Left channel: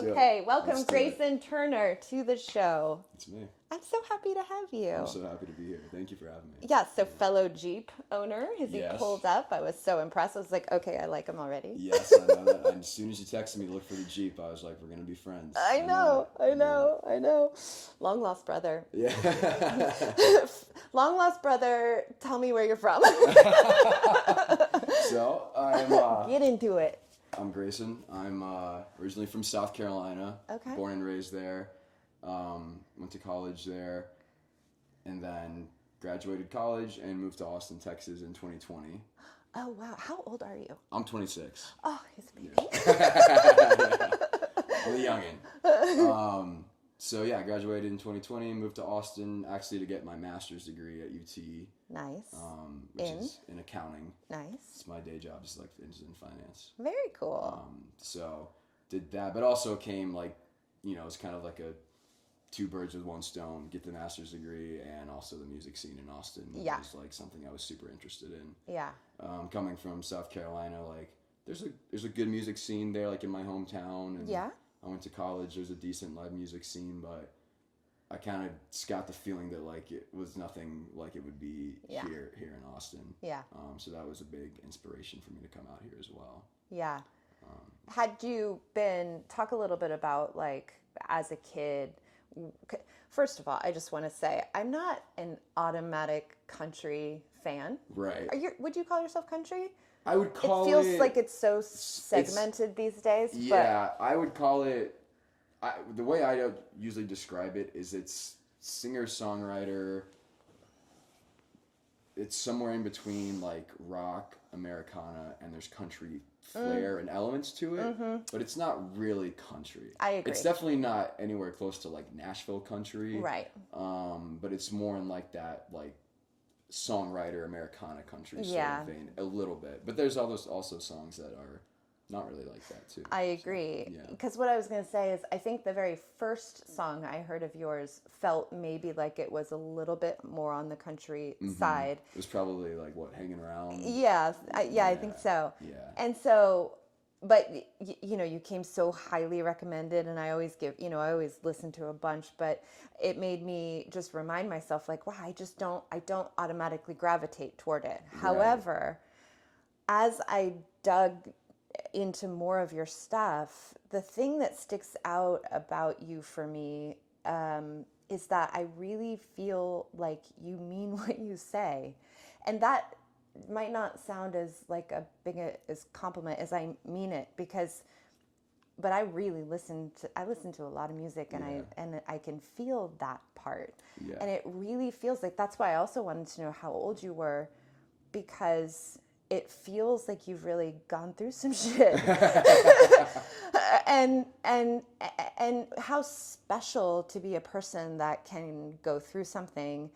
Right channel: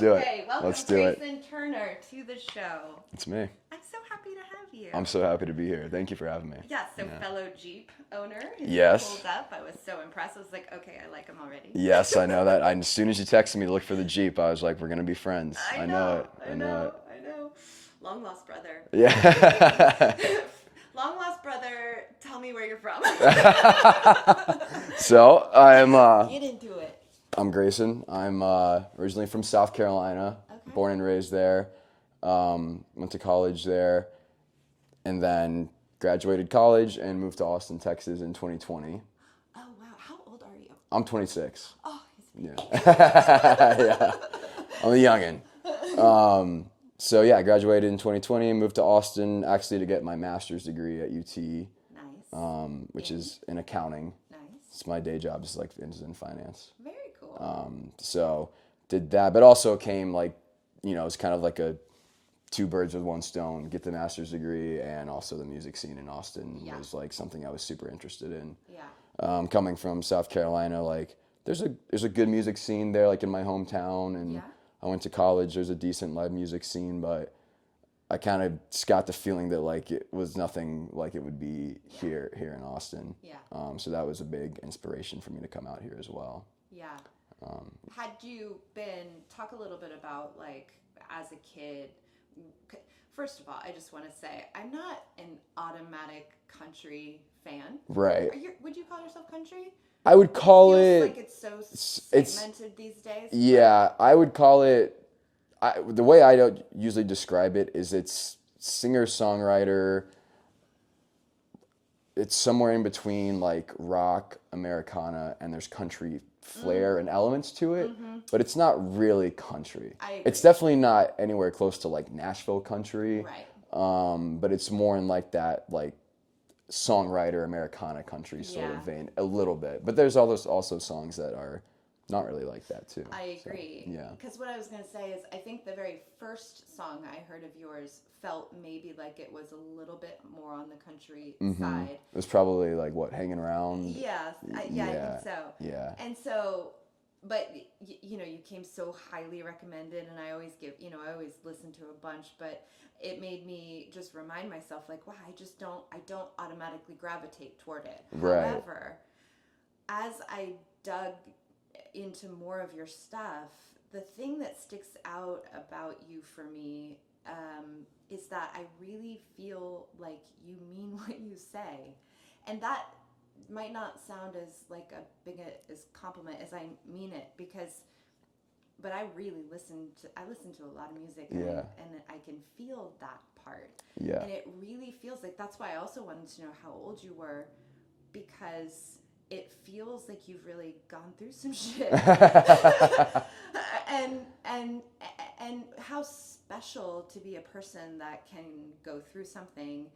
do it. Okay, welcome Let's do it. Greyson Turner to the show. It's me. I'm so happy to have you. I'm so happy to be here. Thank you for having me. Yeah, so fellow Jeep owner. His Yes. pulled up. I was so impressed. I was like, okay, I like him already. Yes, I know that. As soon as you texted me to look for the Jeep, I was like, we're going to be friends. I know. Long lost brother. Yeah. Long lost brother, tell me where you're from. So, Get into it. I'm Greyson. I'm originally from South Carolina. Okay. Born and raised there. Went to college there. And then graduated college and moved to Austin, Texas in 2020. Oh, wow. How old are you? I'm 26. Oh, he's a baby. Yeah. I'm a youngin'. So yeah, I graduated in 2020 and moved to Austin actually to get my master's degree at UT. Nice. Which is in accounting. Nice. It's my day job is in finance. Very cool. So did that, but also came it's kind of like a two birds with one stone, get the master's degree and also the music scene in Austin was like something I was super interested in. Yeah. Coming from South Carolina, like there's a good music scene there, like in my hometown, and I went to college. There's a decent live music scene, but I kind of got the feeling that like it was nothing like it would be here in Austin. Yeah. So that was a big inspiration for me to come out here as well. Yeah. Had you talk a little bit about like as a kid. First of all, I just want to say I'm not an automatic country fan. Right. Would you call yourself country? I would call it it. Feels like it's so segmented these days. Yeah, I would call it. The way I don't usually describe it is it's singer-songwriter. It's somewhere in between like rock, Americana, and there's country flair and elements to it, but it's not really country. I agree. It's definitely not anywhere close to like Nashville country. Right. But it's more in like that like songwriter Americana country sort of vein a little bit. But there's also songs that are not really like that too. I agree. So, because what I was going to say is I think the very first song I heard of yours felt maybe like it was a little bit more on the country side. It was probably like what, Hanging Around? Yeah, I think so. Yeah. And so, but you came so highly recommended, and I always listen to a bunch, but it made me just remind myself like, wow, I don't automatically gravitate toward it. Right. However, as I dug into more of your stuff, the thing that sticks out about you for me is that I really feel like you mean what you say, and that might not sound as like a big as compliment as I mean it, but I really listen to a lot of music, and I can feel that part, and it really feels like that's why I also wanted to know how old you were, because it feels like you've really gone through some shit. and how special to be a person that can go through something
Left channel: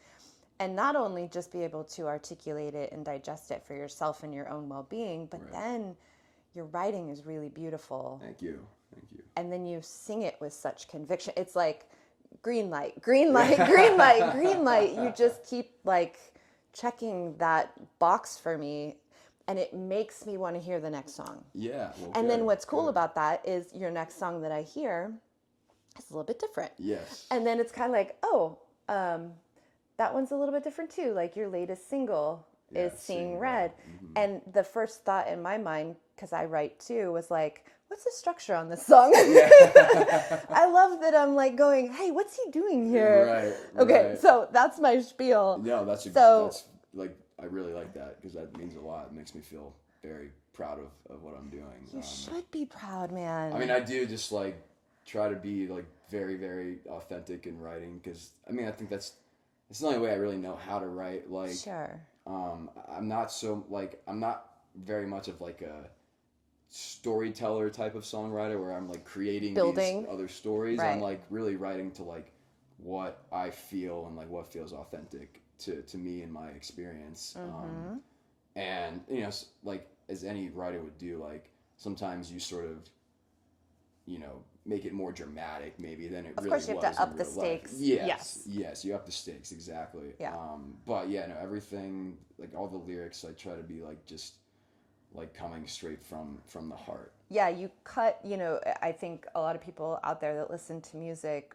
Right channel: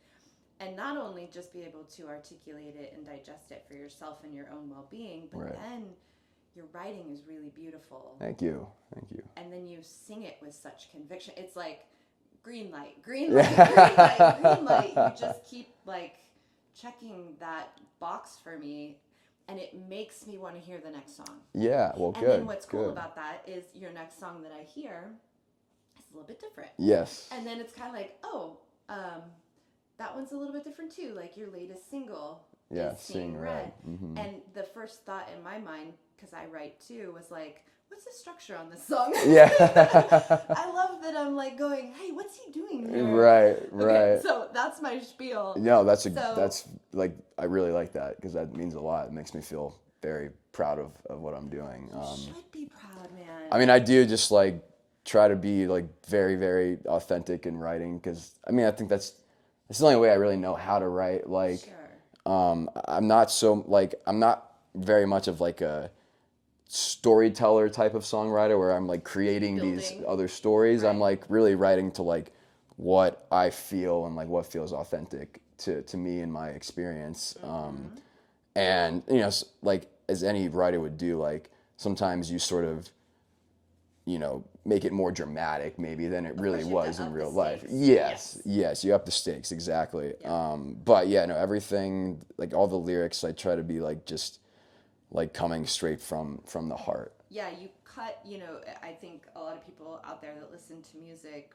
and not only just be able to articulate it and digest it for yourself and your own well-being, but then your writing is really beautiful. Thank you. And then you sing it with such conviction. It's like green light, green light, green light, green light. You just keep like checking that box for me. And it makes me want to hear the next song. Yeah, well, and then what's cool about that is your next song that I hear is a little bit different. Yes. And then it's kind of like, that one's a little bit different too. Like your latest single is Seeing Red. Mm-hmm. And the first thought in my mind, because I write too, was like, what's the structure on this song? Yeah. I love that I'm like going, hey, what's he doing here? Right. Okay, so that's my spiel. No, that's like, I really like that because that means a lot. It makes me feel very proud of what I'm doing. You should be proud, man. I mean, I do just like try to be like very, very authentic in writing because I mean, I think it's the only way I really know how to write. Like, sure. I'm not very much of like a storyteller type of songwriter where I'm like creating these other stories. Right. I'm like really writing to like what I feel and like what feels authentic to me and my experience. And like as any writer would do, like sometimes you sort of make it more dramatic maybe than it really was in real life. Yes, you up the stakes, exactly. Yeah. But everything, like all the lyrics, I try to be like just like coming straight from the heart. Yeah, you cut, I think a lot of people out there that listen to music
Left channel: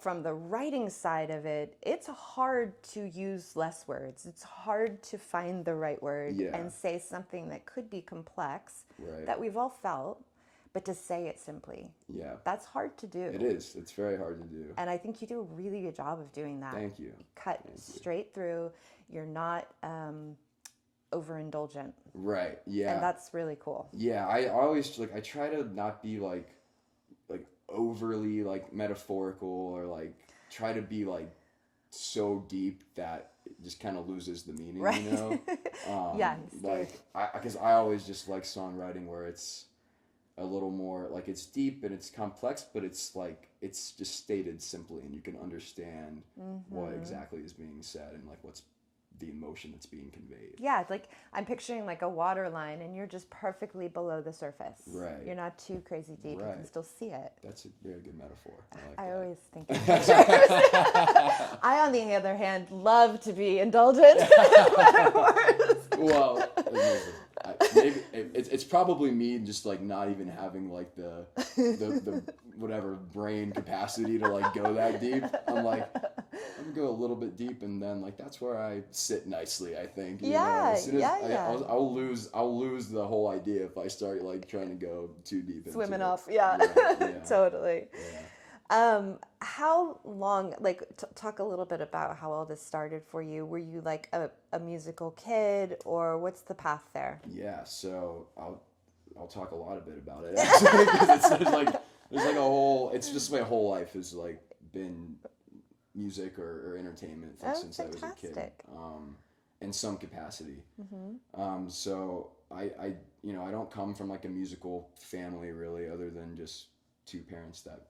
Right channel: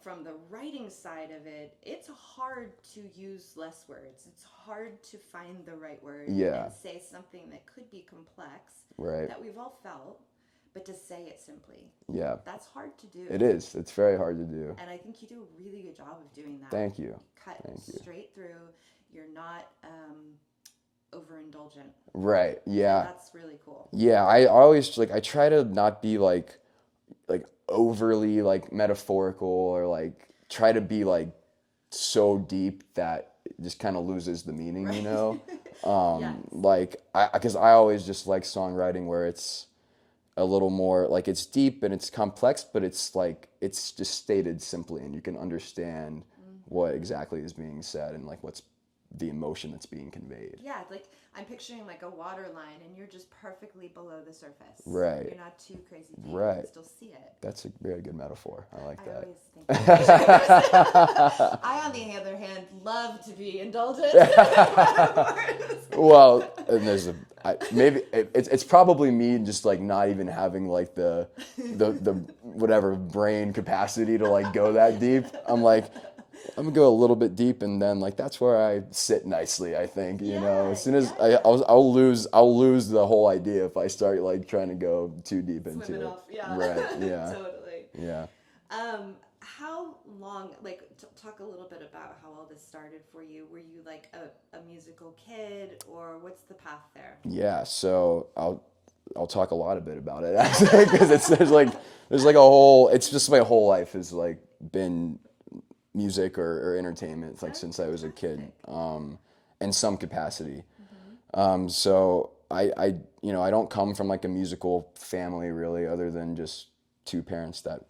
from the writing side of it, it's hard to use less words. It's hard to find the right word and say something that could be complex, that we've all felt, but to say it simply. Yeah. That's hard to do. It is. It's very hard to do. And I think you do a really good job of doing that. Thank you. Cut straight through. You're not overindulgent. Right. Yeah. And that's really cool. Yeah. I always I try to not be like overly metaphorical or try to be so deep that it just kind of loses the meaning, right. Yes. Because I always just like songwriting where it's a little more it's deep and it's complex, but it's it's just stated simply and you can understand what exactly is being said and what's the emotion that's being conveyed. Yeah, I'm picturing a water line and you're just perfectly below the surface. Right. You're not too crazy deep. Right. You can still see it. That's a very good metaphor. I like that. I always think that. I, on the other hand, love to be indulgent. Well, maybe it's probably me just not even having the whatever brain capacity to go that deep. I'm gonna go a little bit deep, and then that's where I sit nicely. I think as soon as I'll lose the whole idea if I start trying to go too deep into swimming it. off. Yeah, right. Yeah. Totally. Yeah. How long? Talk a little bit about how all this started for you. Were you a musical kid, or what's the path there? Yeah. So I'll talk a lot a bit about it actually because there's a whole. It's just my whole life has been music or entertainment since I was a kid, in some capacity. Mm-hmm. So I don't come from a musical family really, other than just two parents that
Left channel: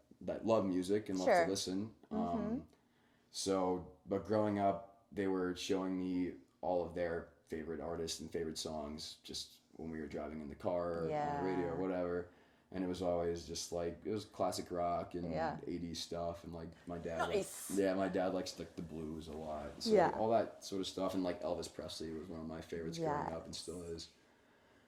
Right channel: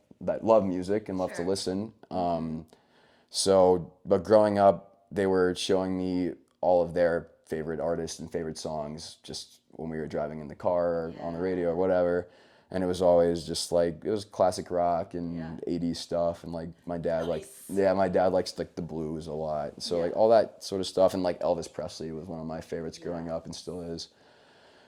love music and love to listen. But growing up, they were showing me all of their favorite artists and favorite songs just when we were driving in the car or on the radio or whatever. And it was always just it was classic rock and 80s stuff. And my dad my dad likes the blues a lot. So all that sort of stuff. And Elvis Presley was one of my favorites growing up and still is.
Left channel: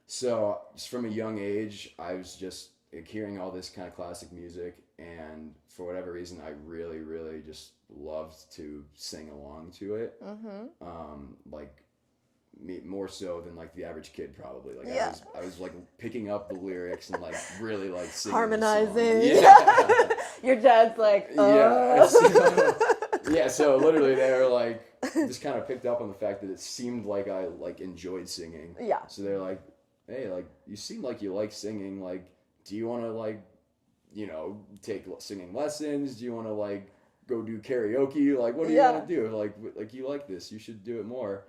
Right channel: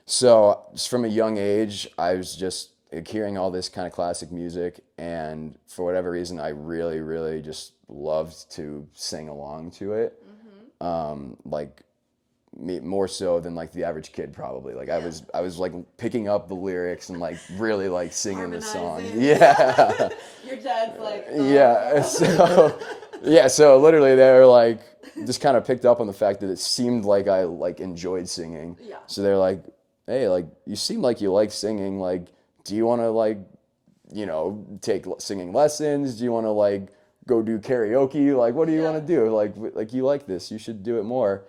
So just from a young age, I was just hearing all this kind of classic music. And for whatever reason, I really, really just loved to sing along to it. Mm-hmm. More so than the average kid probably. I was picking up the lyrics and really singing harmonizing. The song. Yeah. Your dad's Yeah. So literally they were just kind of picked up on the fact that it seemed like I enjoyed singing. Yeah. So they're hey, you seem like you like singing. Do you want to take singing lessons? Do you want to go do karaoke? What do you want to do? You like this, you should do it more.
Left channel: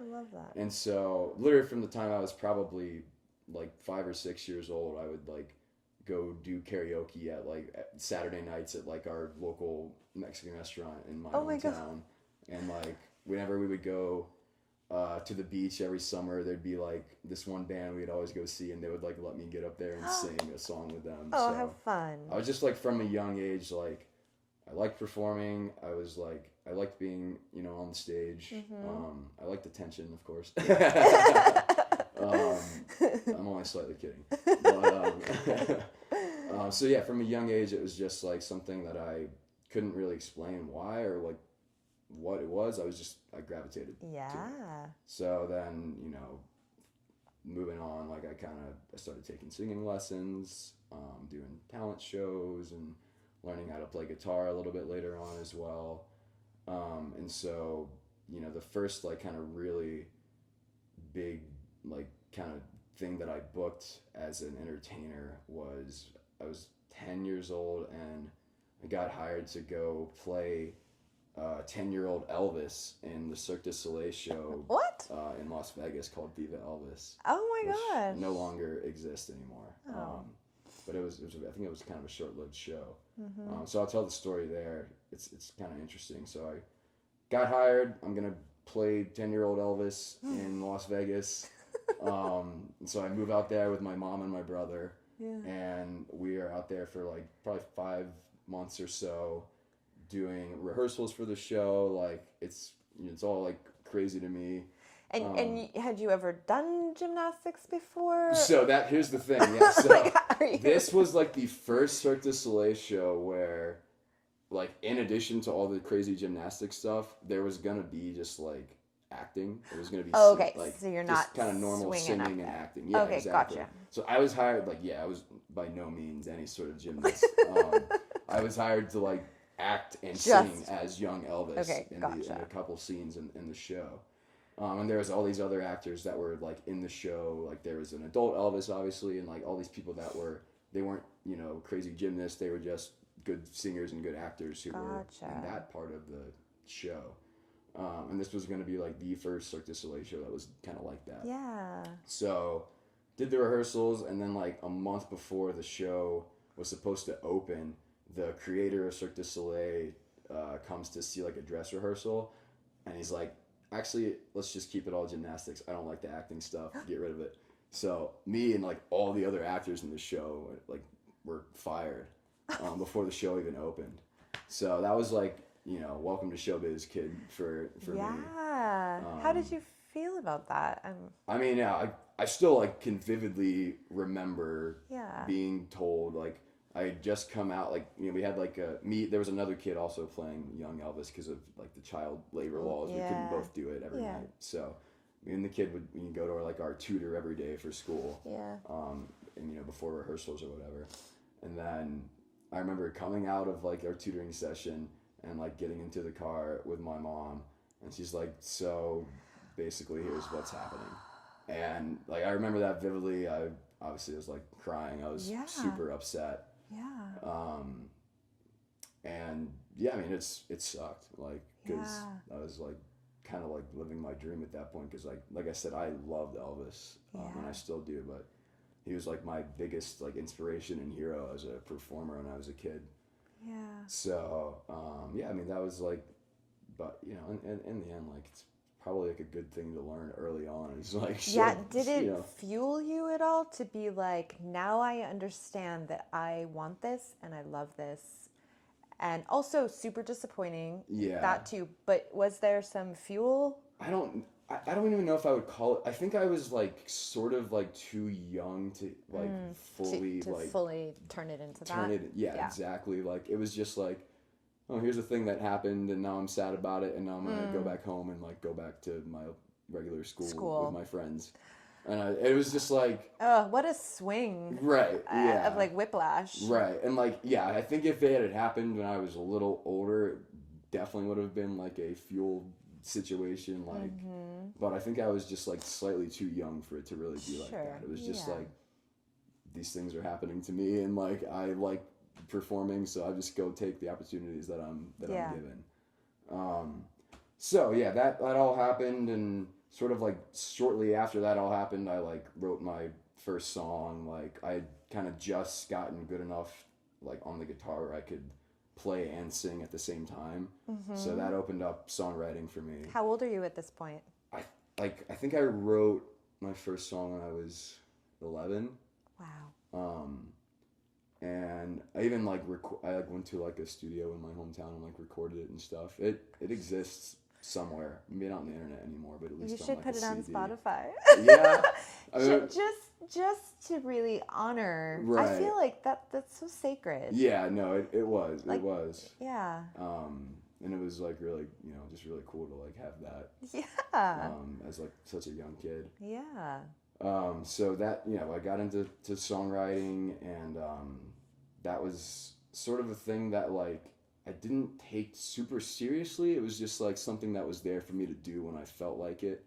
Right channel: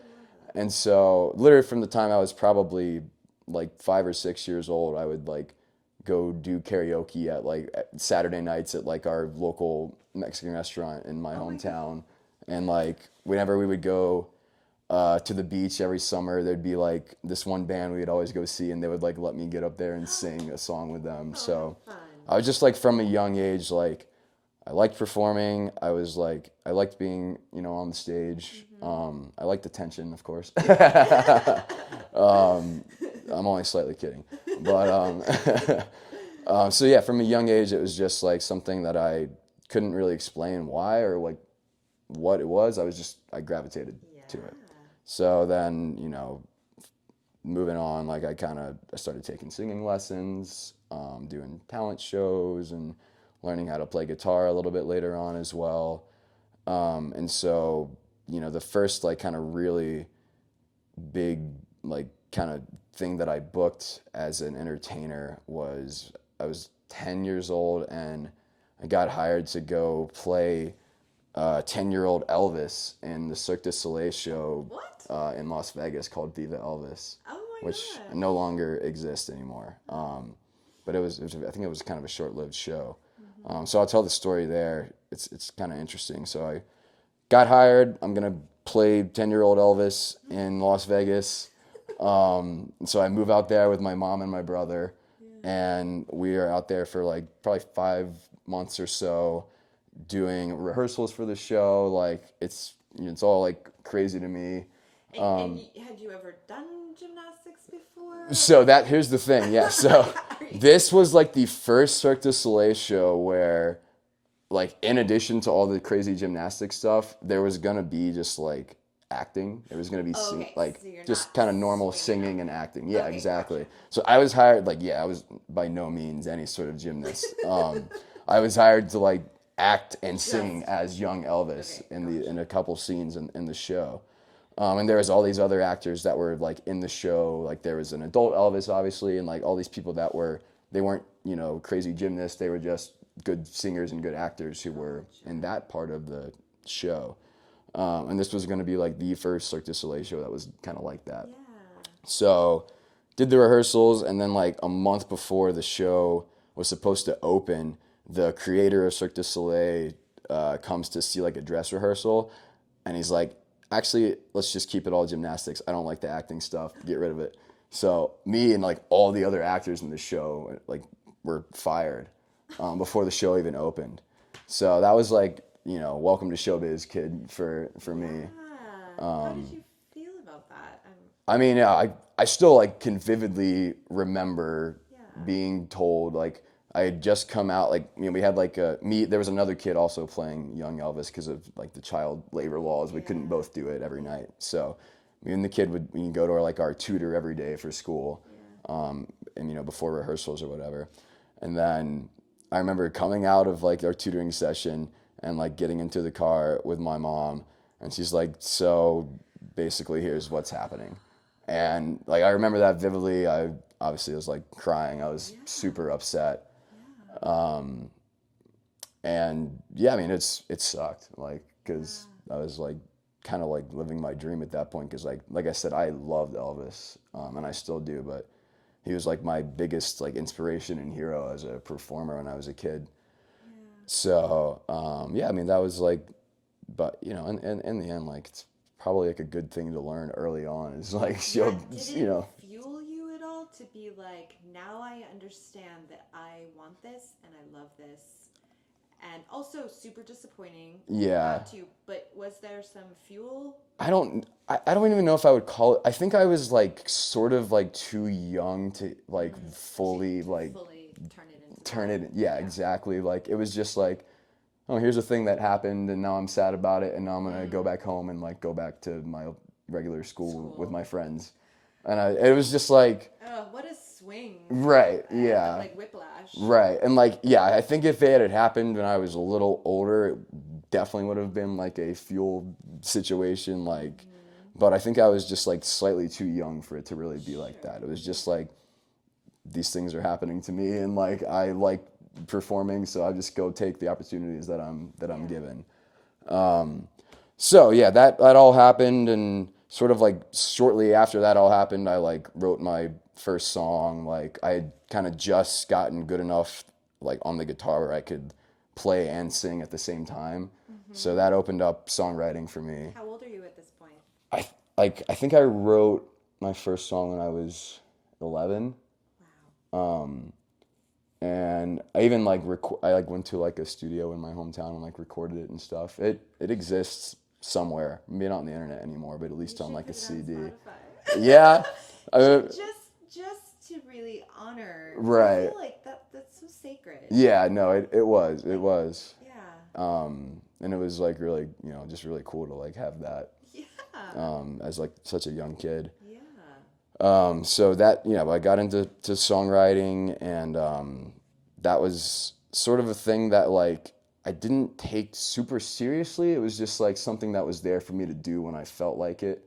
And so, literally from the time I was probably 5 or 6 years old, I would go do karaoke at Saturday nights at our local Mexican restaurant in my hometown. And whenever we would go to the beach every summer, there'd be this one band we'd always go see, and they would let me get up there and sing a song with them. Oh, so fun. I was just from a young age I liked performing. I was I liked being, on the stage. Mm-hmm. I liked attention, of course. I'm only slightly kidding. But, so yeah, from a young age, it was just something that I couldn't really explain why or what it was. I gravitated to it. So then, moving on, I started taking singing lessons, doing talent shows and learning how to play guitar a little bit later on as well. And so, the first kind of really big kind of thing that I booked as an entertainer was I was 10 years old and I got hired to go play 10-year-old Elvis in the Cirque du Soleil show in Las Vegas called Viva Elvis. Oh my which gosh. no longer exists anymore. But it was I think it was kind of a short-lived show. Mm-hmm. So I'll tell the story there. It's kind of interesting. So I got hired. I'm gonna play 10-year-old Elvis in Las Vegas. And so I move out there with my mom and my brother, and we are out there for probably 5 months or so, doing rehearsals for the show. It's all crazy to me. And had you ever done gymnastics before? So here's the thing, yeah. So this was like the first Cirque du Soleil show where, like, in addition to all the crazy gymnastic stuff, there was gonna be just like acting. There was gonna be like so you're just not kind of normal swinging singing and there. acting. Yeah, Okay, exactly. gotcha. So I was hired. Like, yeah, I was by no means any sort of gymnast. I was hired to like act and sing as young Elvis in a couple scenes in the show. And there was all these other actors that were like in the show. Like there was an adult Elvis, obviously, and like all these people that they weren't, crazy gymnasts. They were just good singers and good actors who were in that part of the show. And this was going to be like the first Cirque du Soleil show that was kind of like that. Yeah. So did the rehearsals, and then like a month before the show was supposed to open, the creator of Cirque du Soleil comes to see like a dress rehearsal, and he's like, actually, let's just keep it all gymnastics. I don't like the acting stuff. Get rid of it. So me and like all the other actors in the show like were fired before the show even opened. So that was like, welcome to showbiz, kid, for me. Yeah. How did you feel about that? I mean, yeah, I still like can vividly remember Yeah. being told, like, I had just come out, like, we had like there was another kid also playing young Elvis because of like the child labor laws. We couldn't both do it every night. So me and the kid would go to our tutor every day for school. Yeah. And before rehearsals or whatever. And then I remember coming out of like our tutoring session and like getting into the car with my mom, and she's like, so basically here's what's happening. And like I remember that vividly. I obviously was like crying. I was super upset. Yeah. And yeah, I mean it sucked, like, because I was like kind of like living my dream at that point, because like I said, I loved Elvis, and I still do, but he was like my biggest like inspiration and hero as a performer when I was a kid. Yeah. So yeah, I mean that was like, but in the end, like, it's probably like a good thing to learn early on. Is like, did it fuel you at all to be like, now I understand that I want this and I love this, and also super disappointing. Yeah. That too. But was there some fuel? I don't even know if I would call it. I think I was like sort of like too young to like fully turn it into turn that. it. Yeah, exactly. Like it was just like, oh, here's a thing that happened, and now I'm sad about it, and now I'm gonna go back home and like go back to my regular school with my friends, and it was just like, oh, what a swing! Right? Yeah. Of like whiplash. Right, and like, yeah, I think if it had happened when I was a little older, it definitely would have been like a fuel situation, like. But I think I was just like slightly too young for it to really be like that. It was just like, these things are happening to me, and like I like performing, so I just go take the opportunities that I'm given. So yeah, that all happened, and sort of like shortly after that all happened, I like wrote my first song. Like I had kind of just gotten good enough like on the guitar where I could play and sing at the same time. So that opened up songwriting for me. How old are you at this point? I think I wrote my first song when I was 11. Wow. And I even like I like went to like a studio in my hometown and like recorded it and stuff. It exists somewhere. Maybe not on the internet anymore, but at least on like a CD. You should put it on Spotify. Yeah. Just to really honor. Right. I feel like that's so sacred. Yeah. No. It was. It was. Yeah. And it was like really, just really cool to like have that. Yeah. As like such a young kid. Yeah. So that, I got into songwriting, and that was sort of a thing that like I didn't take super seriously. It was just like something that was there for me to do when I felt like it.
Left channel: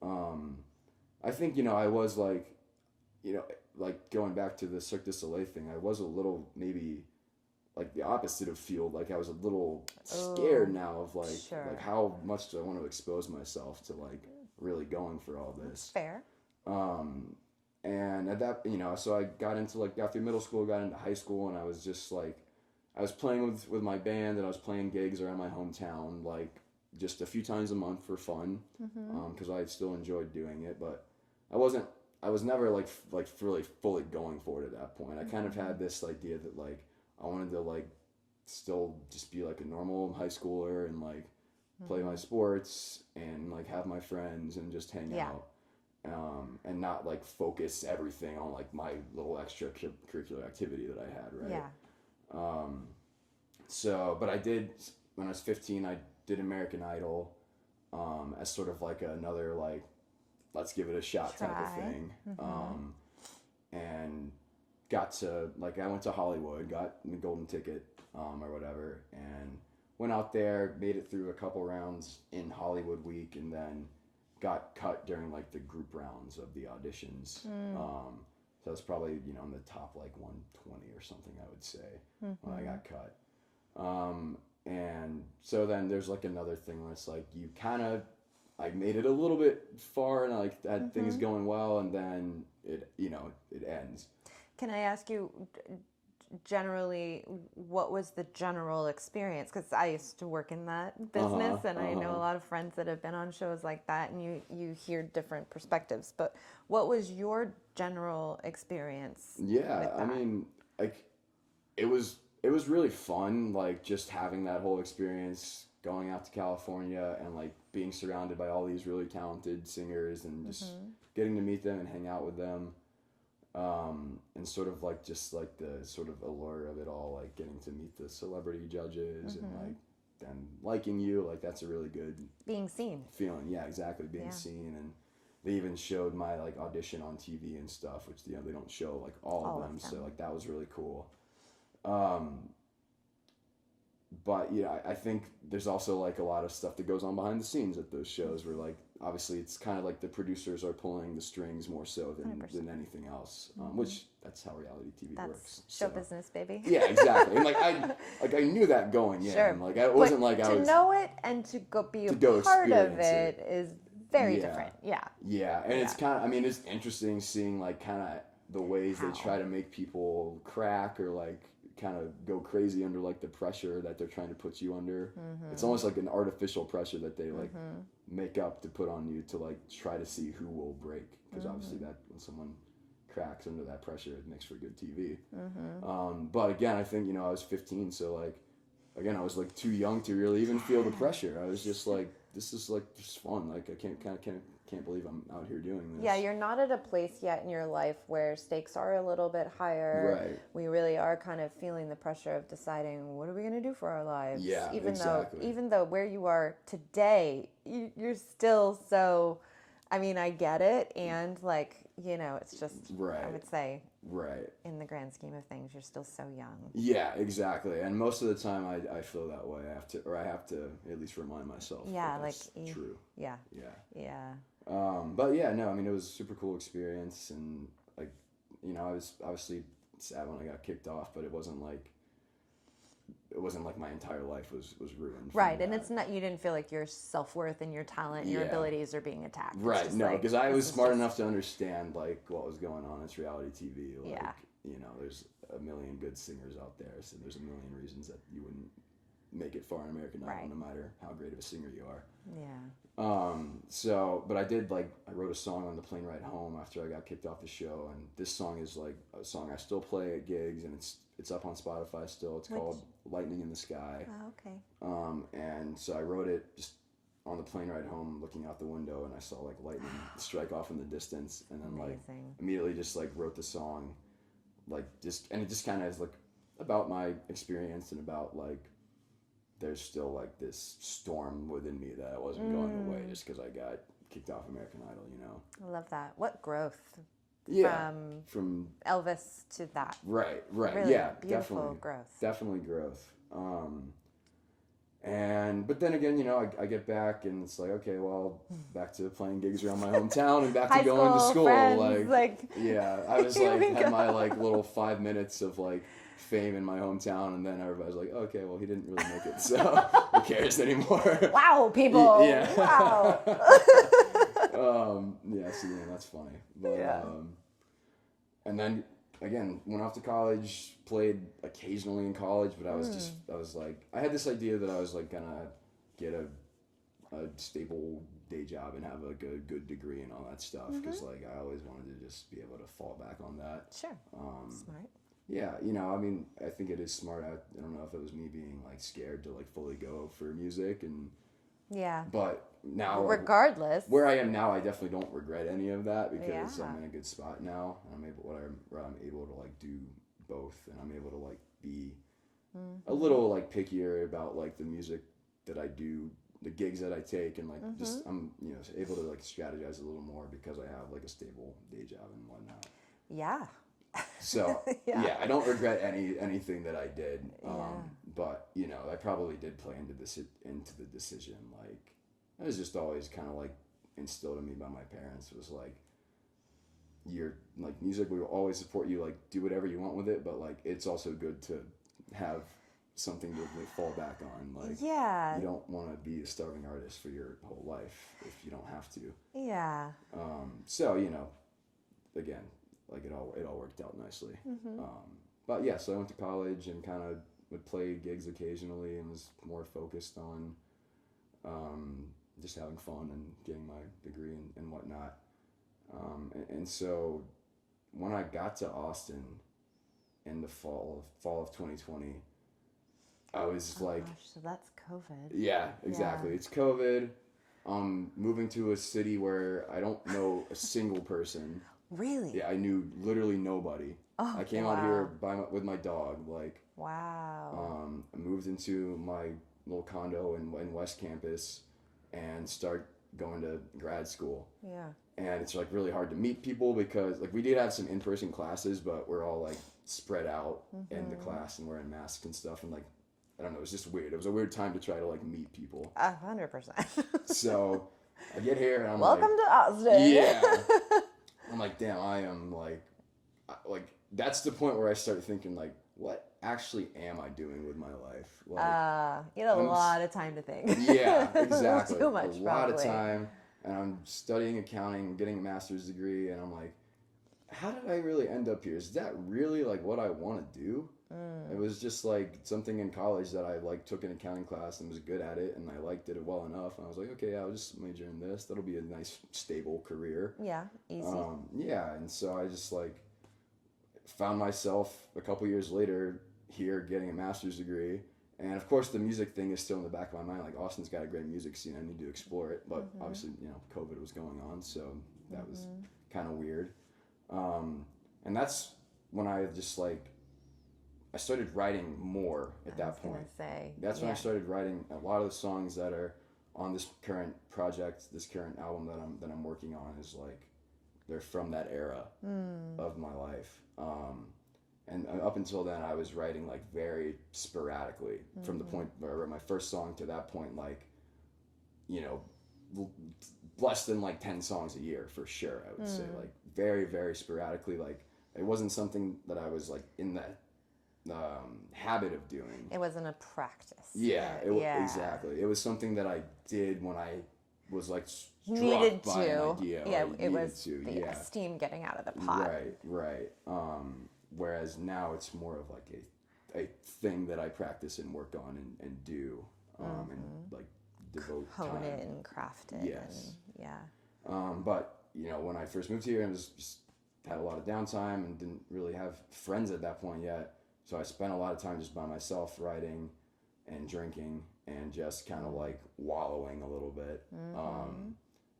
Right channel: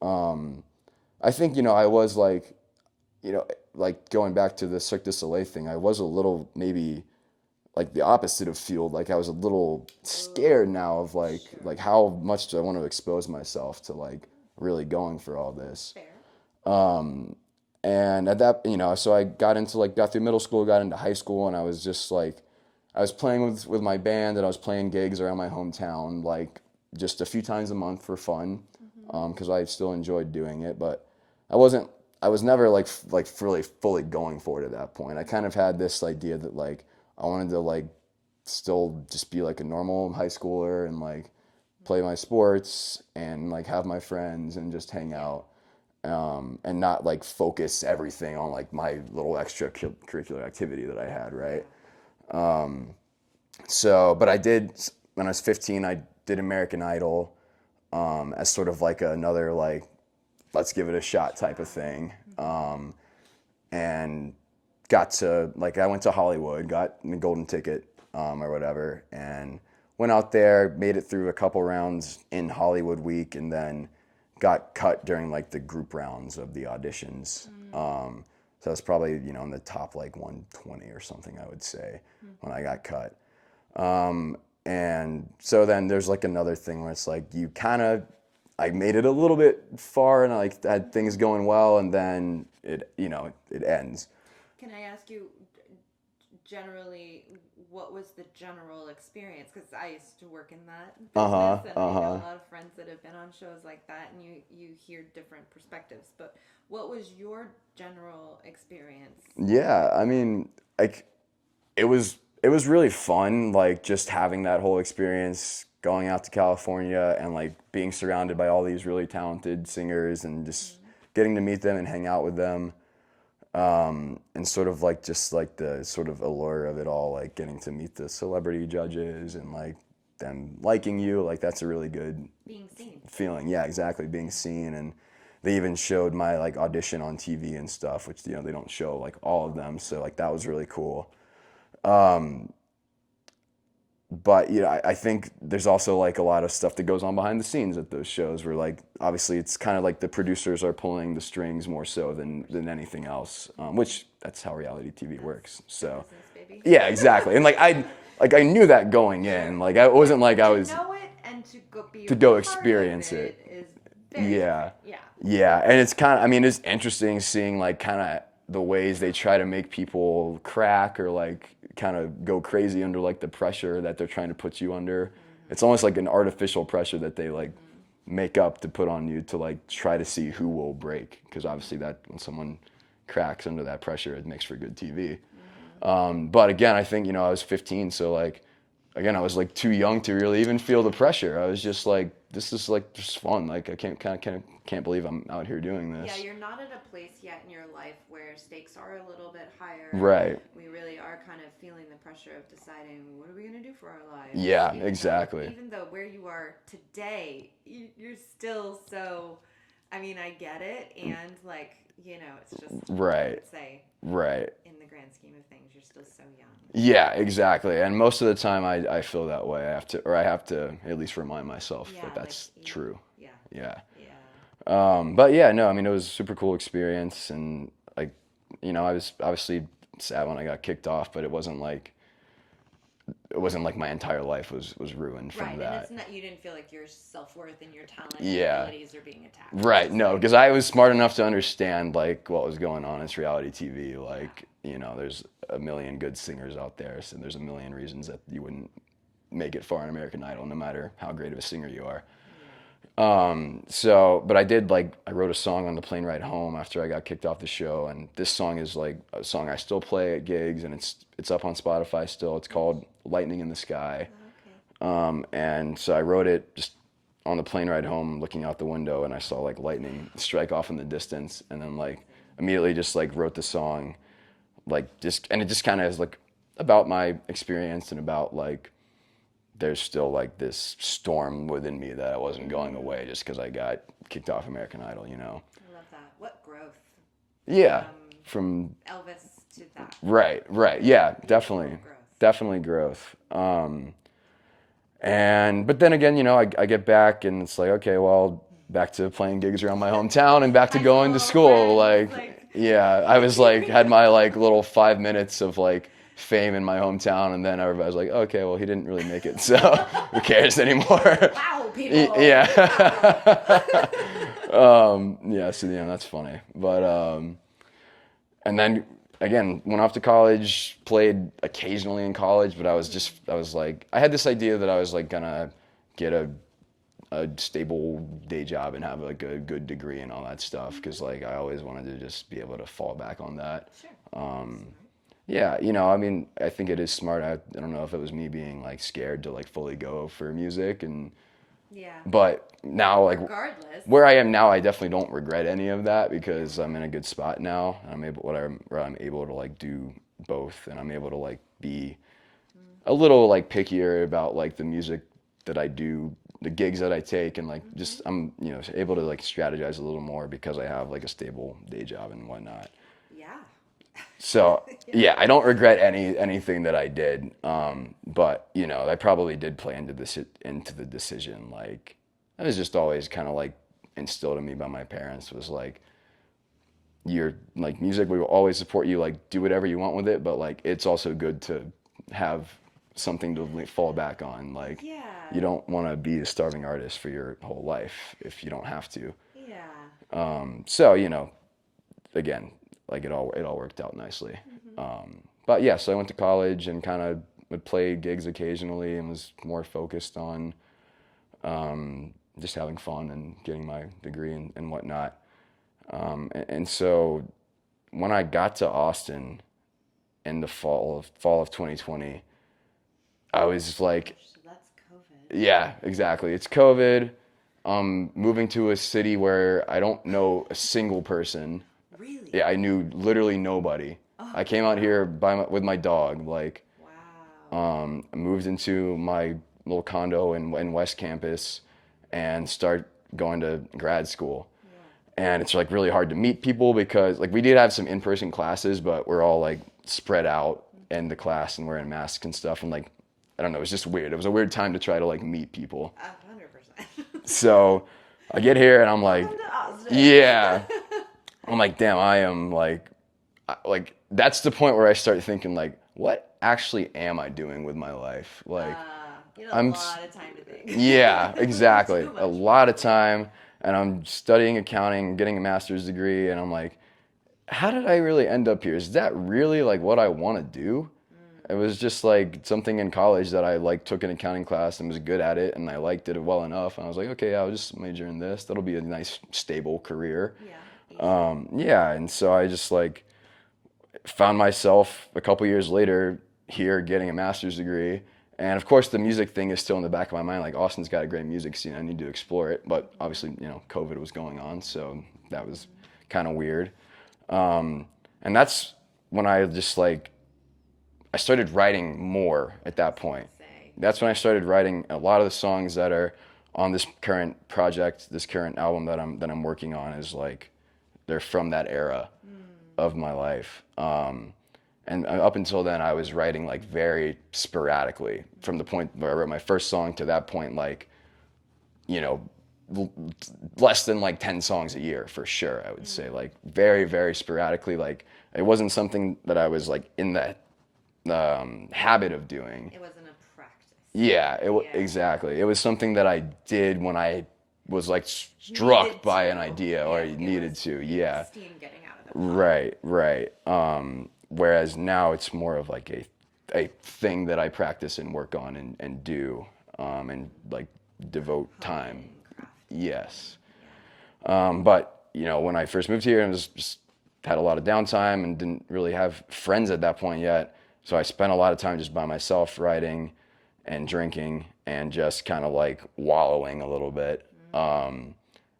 I think, I was like, like going back to the Cirque du Soleil thing, I was a little maybe like the opposite of fueled. Like I was a little scared now of like, like how much do I want to expose myself to like really going for all this. Fair. And at that, so I got through middle school, got into high school, and I was just like, I was playing with my band, and I was playing gigs around my hometown, like just a few times a month for fun, because I still enjoyed doing it, but I was never like really fully going for it at that point. I kind of had this idea that like, I wanted to like still just be like a normal high schooler and like play my sports and like have my friends and just hang out, and not like focus everything on like my little extracurricular activity that I had, right? So, but I did, when I was 15, I did American Idol, as sort of like another like, let's give it a shot type of thing. And got to, like, I went to Hollywood, got the golden ticket, or whatever, and went out there, made it through a couple rounds in Hollywood week, and then got cut during like the group rounds of the auditions. So that's probably, you know, in the top like 120 or something, I would say, when I got cut. And so then there's like another thing where it's like you kind of, I made it a little bit far and I like had things going well, and then it, you know, it ends. Can I ask you, generally, what was the general experience? Because I used to work in that business, and I know a lot of friends that have been on shows like that, and you hear different perspectives. But what was your general experience? Yeah, I mean, like, it was really fun, like just having that whole experience, going out to California and like being surrounded by all these really talented singers and just getting to meet them and hang out with them. And sort of like just like the sort of allure of it all, like getting to meet the celebrity judges and like them liking you, like that's a really good being seen feeling. Yeah, exactly, being seen. And they even showed my like audition on TV and stuff, which, you know, they don't show like all of them, so like that was really cool. But you know, I think there's also like a lot of stuff that goes on behind the scenes at those shows where like obviously it's kind of like the producers are pulling the strings more so than anything else, which that's how reality TV works. So business, baby. Yeah, exactly. And like I knew that going in. Like I wasn't like I was to know it and to go go experience it is very different. Yeah, and it's kind of, I mean, it's interesting seeing like kind of the ways they try to make people crack or like kind of go crazy under like the pressure that they're trying to put you under. It's almost like an artificial pressure that they like make up to put on you to like try to see who will break, because obviously that when someone cracks under that pressure, it makes for good TV. But again, I think, you know, I was 15, so like again, I was like too young to really even feel the pressure. I was just like, this is like just fun. Like I can't believe I'm out here doing this. Yeah, you're not at a place yet in your life where stakes are a little bit higher. Right. We really are kind of feeling the pressure of deciding, what are we going to do for our lives? Yeah, exactly. Even though where you are today, you're still so, I mean, I get it. And like, you know, it's just, right. I would say, right. in the grand scheme of things, you're still so young. Yeah, exactly. And most of the time I feel that way. I have to at least remind myself that that's like, true. Yeah. Yeah. Yeah. But yeah, no, I mean, it was a super cool experience, and like, you know, I was obviously sad when I got kicked off, but it wasn't like my entire life was ruined from right, that. and it's not, you didn't feel like your self-worth and your talent and abilities are being attacked. Right, no, because I was smart enough to understand like what was going on. It's reality TV. Like, you know, there's a million good singers out there, so there's a million reasons that you wouldn't make it far on American Idol, no matter how great of a singer you are. So, but I wrote a song on the plane ride home after I got kicked off the show, and this song is like a song I still play at gigs, and it's up on Spotify still. It's called Lightning in the Sky. And so I wrote it just on the plane ride home, looking out the window, and I saw like lightning strike off in the distance, and then like immediately just like wrote the song, and it just kind of is like about my experience and about like there's still like this storm within me that I wasn't going away just because I got kicked off American Idol, you know. I love that. What growth. Yeah. From Elvis to that. Right. Really Yeah, definitely. Growth. Definitely growth. But then again, you know, I get back and it's like, okay, well, back to playing gigs around my hometown and back to going to school. Friends, yeah, I was like, had my like little 5 minutes of like fame in my hometown, and then everybody's like, okay, well, he didn't really make it, so who cares anymore? Wow, people. Yeah. Wow. Yeah, so yeah, that's funny. But and then again, went off to college, played occasionally in college, but I was like, I had this idea that I was like gonna get a stable day job and have like a good degree and all that stuff, because like I always wanted to just be able to fall back on that. Sure. Smart. Yeah, you know, I mean, I think it is smart. I don't know if it was me being like scared to like fully go for music, and Yeah. But now, like, regardless, where I am now, I definitely don't regret any of that because I'm in a good spot now. Where I'm able to like do both, and I'm able to like be a little like pickier about like the music that I do, the gigs that I take, and like just I'm able to like strategize a little more because I have like a stable day job and whatnot. Yeah. So yeah, I don't regret anything that I did. But I probably did play into the decision. Like it was just always kind of like instilled in me by my parents was like, you're like music. We will always support you. Like do whatever you want with it, but like it's also good to have something to fall back on. Like you don't want to be a starving artist for your whole life if you don't have to. Yeah. So again, like it all worked out nicely. But yeah, so I went to college and kind of would play gigs occasionally and was more focused on just having fun and getting my degree and whatnot. And so when I got to Austin in the fall of 2020, I was like, gosh, so that's COVID. yeah, exactly. It's COVID. Moving to a city where I don't know a single person. Really? Yeah, I knew literally nobody. Oh, I came out here with my dog. Like, wow. I moved into my little condo in West Campus, and start going to grad school. Yeah. And it's like really hard to meet people because like we did have some in-person classes, but we're all like spread out in the class and wearing masks and stuff. And like, I don't know, it was just weird. It was a weird time to try to like meet people. 100%. So I get here and I'm Welcome like, to Austin. yeah. I'm like, damn, I am like that's the point where I start thinking like, what actually am I doing with my life? Like, you had a lot of time to think. Yeah, exactly. Too much, a lot of probably. time, and I'm studying accounting, getting a master's degree, and I'm like, how did I really end up here? Is that really like what I want to do? It was just like something in college that I like took an accounting class and was good at it, and I liked it well enough. And I was like, okay, I'll just major in this. That'll be a nice, stable career. Yeah. Easy. Yeah, and so I just like found myself a couple years later here getting a master's degree. And of course, the music thing is still in the back of my mind. Like, Austin's got a great music scene. I need to explore it. But obviously, COVID was going on, so that was kind of weird. And that's when I just like, I started writing more at that point. That's when I started writing a lot of the songs that are on this current project, this current album that I'm working on is like, they're from that era of my life. And up until then, I was writing like very sporadically from the point where I wrote my first song to that point, like, less than like 10 songs a year for sure, I would say, like very, very sporadically. Like it wasn't something that I was like in that habit of doing. It wasn't a practice. Yeah, exactly. It was something that I did when I was like struck by an idea or I needed to. Yeah. Steam getting out of the pot. Right. Whereas now it's more of like a thing that I practice and work on and do and like devote time. Crafting. Yes. Yeah. But when I first moved here and just had a lot of downtime and didn't really have friends at that point yet, so I spent a lot of time just by myself writing and drinking and just kind of like wallowing a little bit.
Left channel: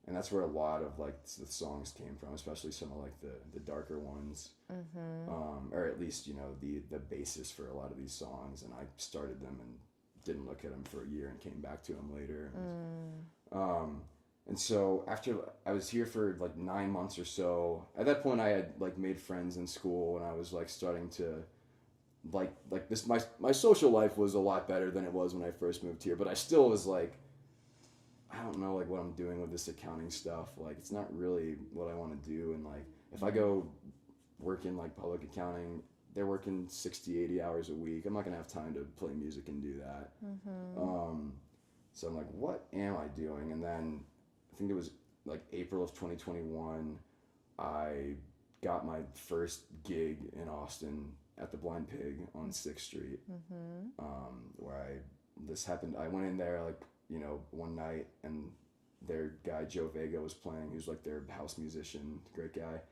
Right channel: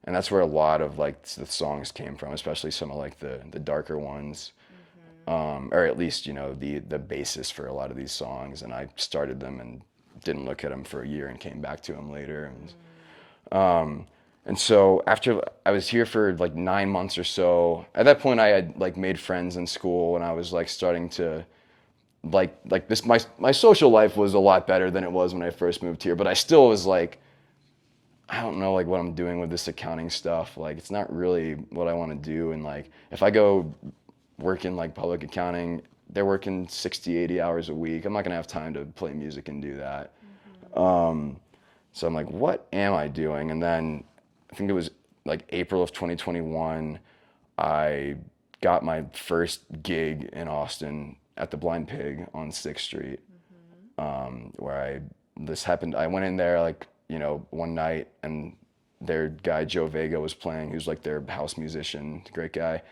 And that's where a lot of like the songs came from, especially some of like the darker ones, or at least the basis for a lot of these songs. And I started them and didn't look at them for a year and came back to them later. And so after I was here for like 9 months or so, at that point I had like made friends in school and I was like starting to like this my social life was a lot better than it was when I first moved here, but I still was like, I don't know like what I'm doing with this accounting stuff. Like it's not really what I want to do. And like if I go work in like public accounting, they're working 60, 80 hours a week. I'm not gonna have time to play music and do that. So I'm like, what am I doing? And then I think it was like April of 2021, I got my first gig in Austin at the Blind Pig on 6th Street, where this happened. I went in there like, one night and their guy, Joe Vega, was playing. He was like their house musician, great guy.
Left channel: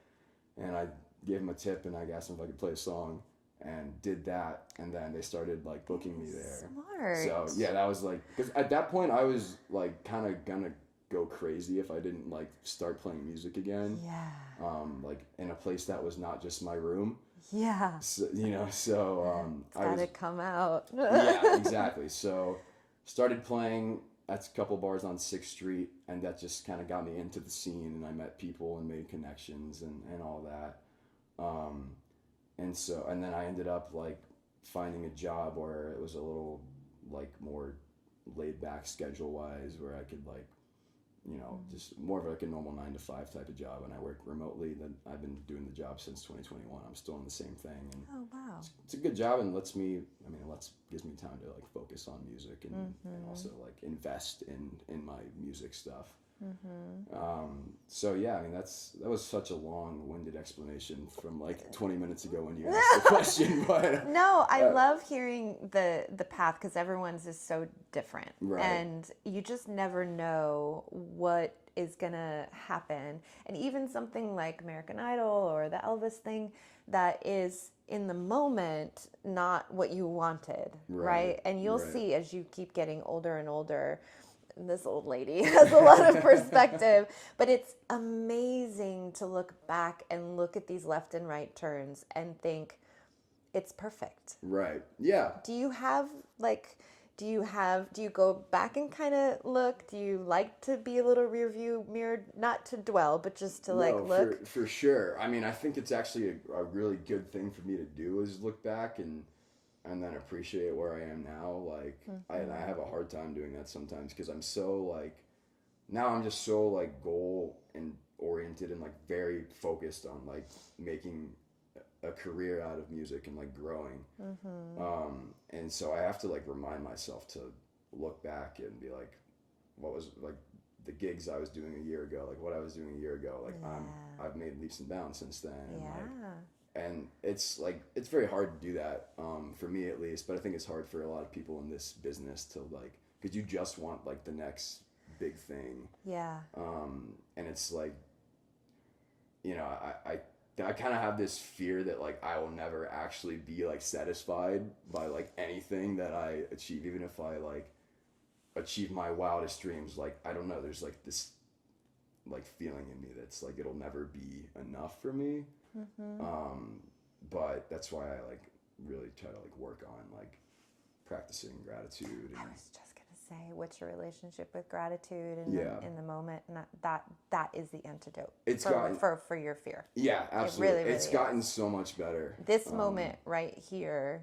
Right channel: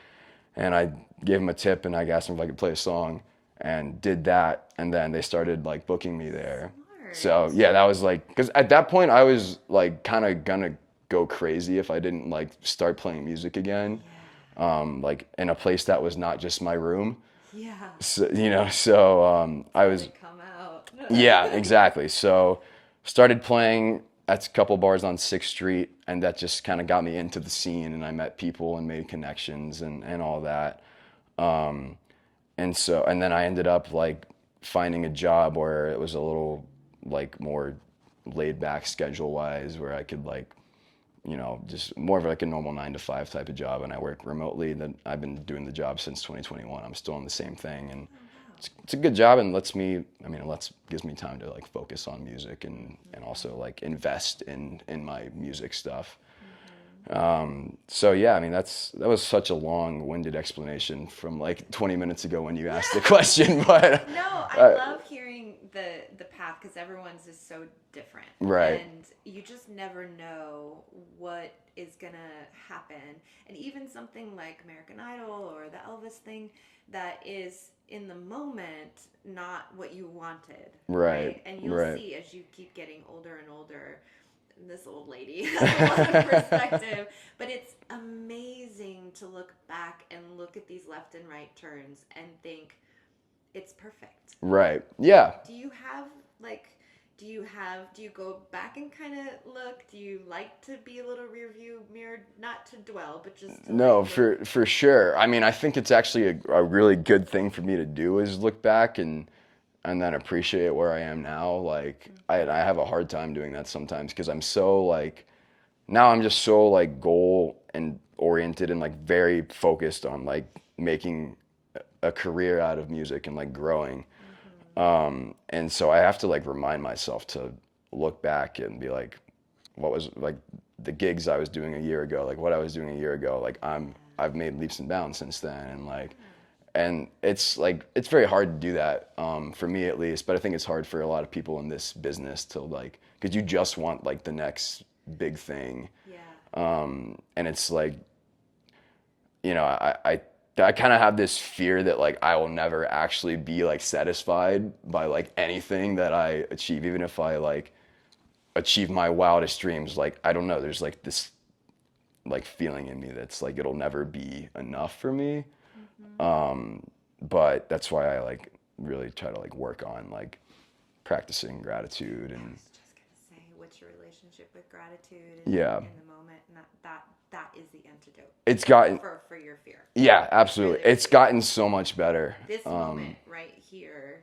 And I gave him a tip and I asked him if I could play a song and did that. And then they started like booking me there. So yeah, that was like, because at that point I was like kind of gonna go crazy if I didn't like start playing music again. Yeah. Like in a place that was not just my room. Yeah. So, so I was. Let it come out. Yeah, exactly. So started playing at a couple bars on 6th Street, and that just kind of got me into the scene, and I met people and made connections and all that. Um, and then I ended up like finding a job where it was a little like more laid back schedule wise, where I could like, just more of like a normal 9 to 5 type of job, and I work remotely. Then I've been doing the job since 2021. I'm still on the same thing, and it's a good job, and gives me time to like focus on music and also like invest in my music stuff. So yeah, I mean that was such a long-winded explanation from like 20 minutes ago when you asked the question, but no, I love hearing the path because everyone's is so different, right? And you just never know what is gonna happen, and even something like American Idol or the Elvis thing, that is in the moment not what you wanted, right? And you'll see as you keep getting older and older. This old lady has a lot of perspective, but it's amazing to look back and look at these left and right turns and think it's perfect. Right. Yeah. Do you go back and kind of look? Do you like to be a little rear view mirrored, not to dwell, but just to no, like look? for sure. I mean, I think it's actually a really good thing for me to do is look back and then appreciate where I am now. Like I have a hard time doing that sometimes because I'm so like, now I'm just so like goal and oriented and like very focused on like making a career out of music and like growing. And so I have to like remind myself to look back and be like, what was like the gigs I was doing a year ago, like what I was doing a year ago, like I've made leaps and bounds since then, and like. And it's like, it's very hard to do that, for me at least, but I think it's hard for a lot of people in this business to like, because you just want like the next big thing. Yeah. And it's like, I kind of have this fear that like I will never actually be like satisfied by like anything that I achieve, even if I like achieve my wildest dreams. Like, I don't know, there's like this like feeling in me that's like, it'll never be enough for me. But that's why I like really try to like work on like practicing gratitude. And I was just gonna say, what's your relationship with gratitude in the moment? And that is the antidote. It's gotten for your fear. Yeah, absolutely. It's gotten so much better. This moment right here.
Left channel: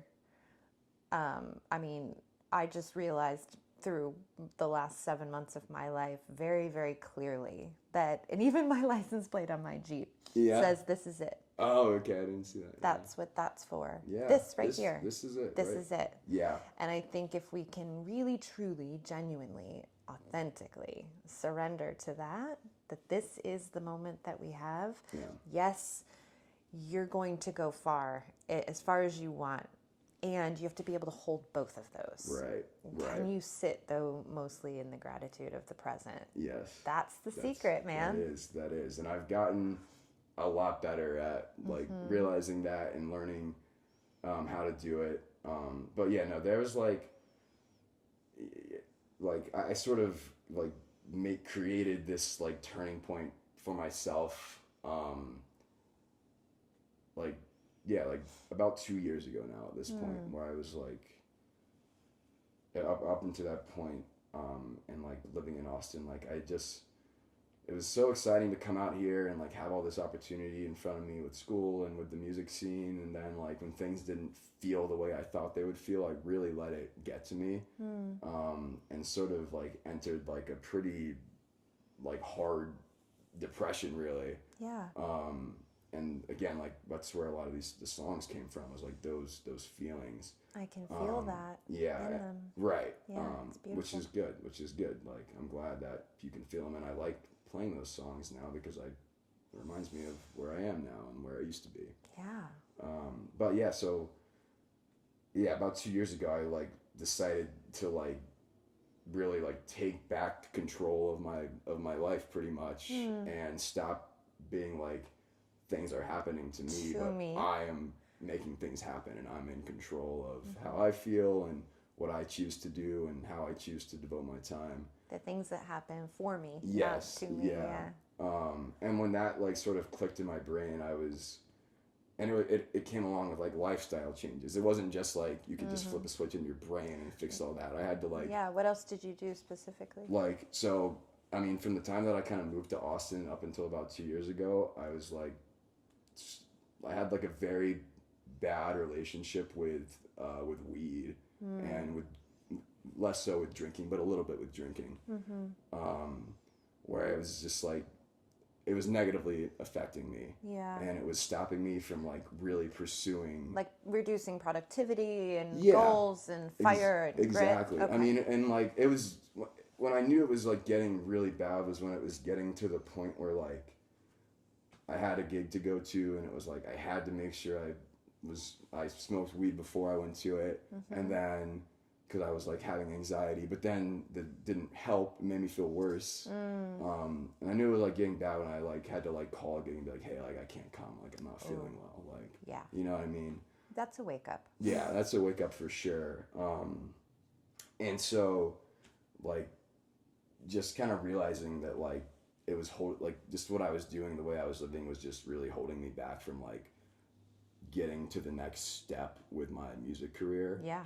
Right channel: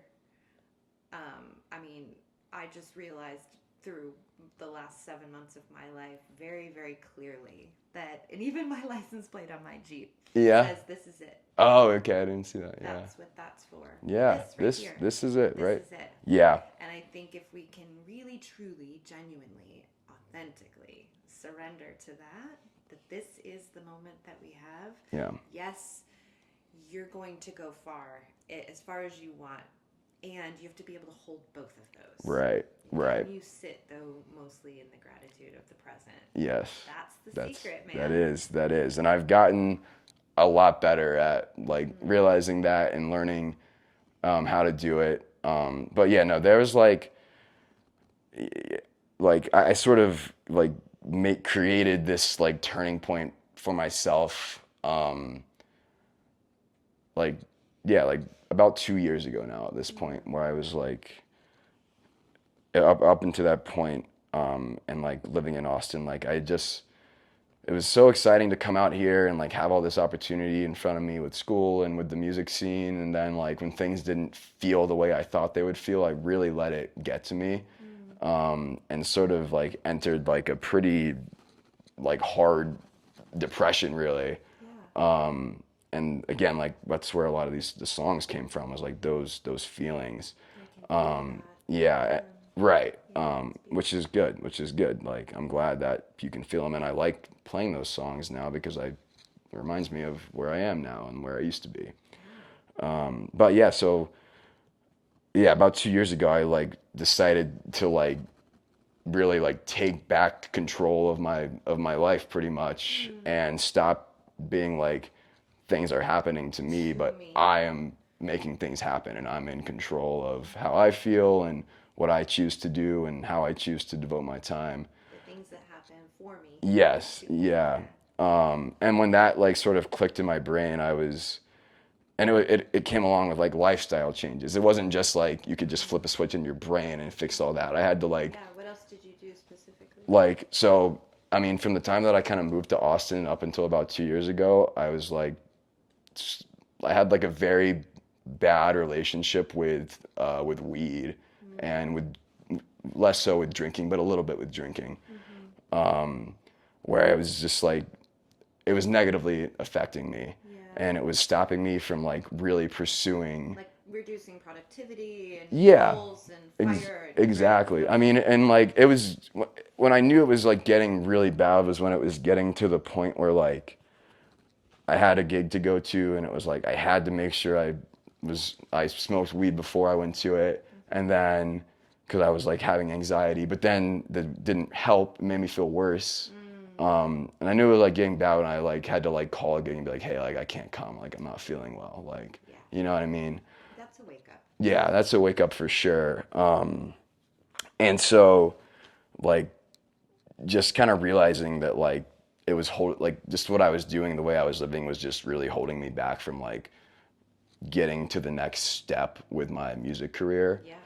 I mean, I just realized through the last 7 months of my life very, very clearly that, and even my license plate on my Jeep says this is it. Oh, okay, I didn't see that. That's what that's for. Yeah, this is it, right? This is it. Yeah. And I think if we can really, truly, genuinely, authentically surrender to that this is the moment that we have. Yes, you're going to go as far as you want. And you have to be able to hold both of those. Right. Can you sit, though, mostly in the gratitude of the present? Yes. That's the secret, man. That is. And I've gotten a lot better at, like, realizing that and learning how to do it. But, yeah, no, there was, like I sort of, like, created this, like, turning point for myself, about 2 years ago now at this point, where I was like, up until that point, and like living in Austin, like it was so exciting to come out here and like have all this opportunity in front of me with school and with the music scene. And then like when things didn't feel the way I thought they would feel, I really let it get to me, and sort of like entered like a pretty like hard depression, really. And again, like that's where a lot of the songs came from, was like those feelings. I can feel that. Yeah, right. Which is good. Like, I'm glad that you can feel them, and I like playing those songs now because it reminds me of where I am now and where I used to be. But yeah, so yeah, about 2 years ago, I like decided to like really like take back control of my life pretty much, and stop being like, things are happening to me, but I am making things happen, and I'm in control of how I feel and what I choose to do and how I choose to devote my time. The things that happen for me. Yes, yeah. And when that like sort of clicked in my brain, and it came along with like lifestyle changes. It wasn't just like you could just flip a switch in your brain and fix all that. I had to like. Yeah. What else did you do specifically? Like, so, I mean, from the time that I kind of moved to Austin up until about 2 years ago, I was like, I had like a very bad relationship with weed and with less so with drinking, but a little bit with drinking, where I was just like, it was negatively affecting me, and it was stopping me from like really pursuing, like reducing productivity and goals and fire. Exactly. Okay. I mean, and like it was when I knew it was like getting really bad was when it was getting to the point where like I had a gig to go to, and it was like I had to make sure I smoked weed before I went to it, and then because I was like having anxiety, but then that didn't help. It made me feel worse. And I knew it was like getting bad when I like had to like call a gig and be like, hey, like I can't come, like I'm not feeling well, like you know what I mean? That's a wake up. Yeah, that's a wake up for sure. And so like just kind of realizing that like it was just what I was doing, the way I was living was just really holding me back from like getting to the next step with my music career. Yeah.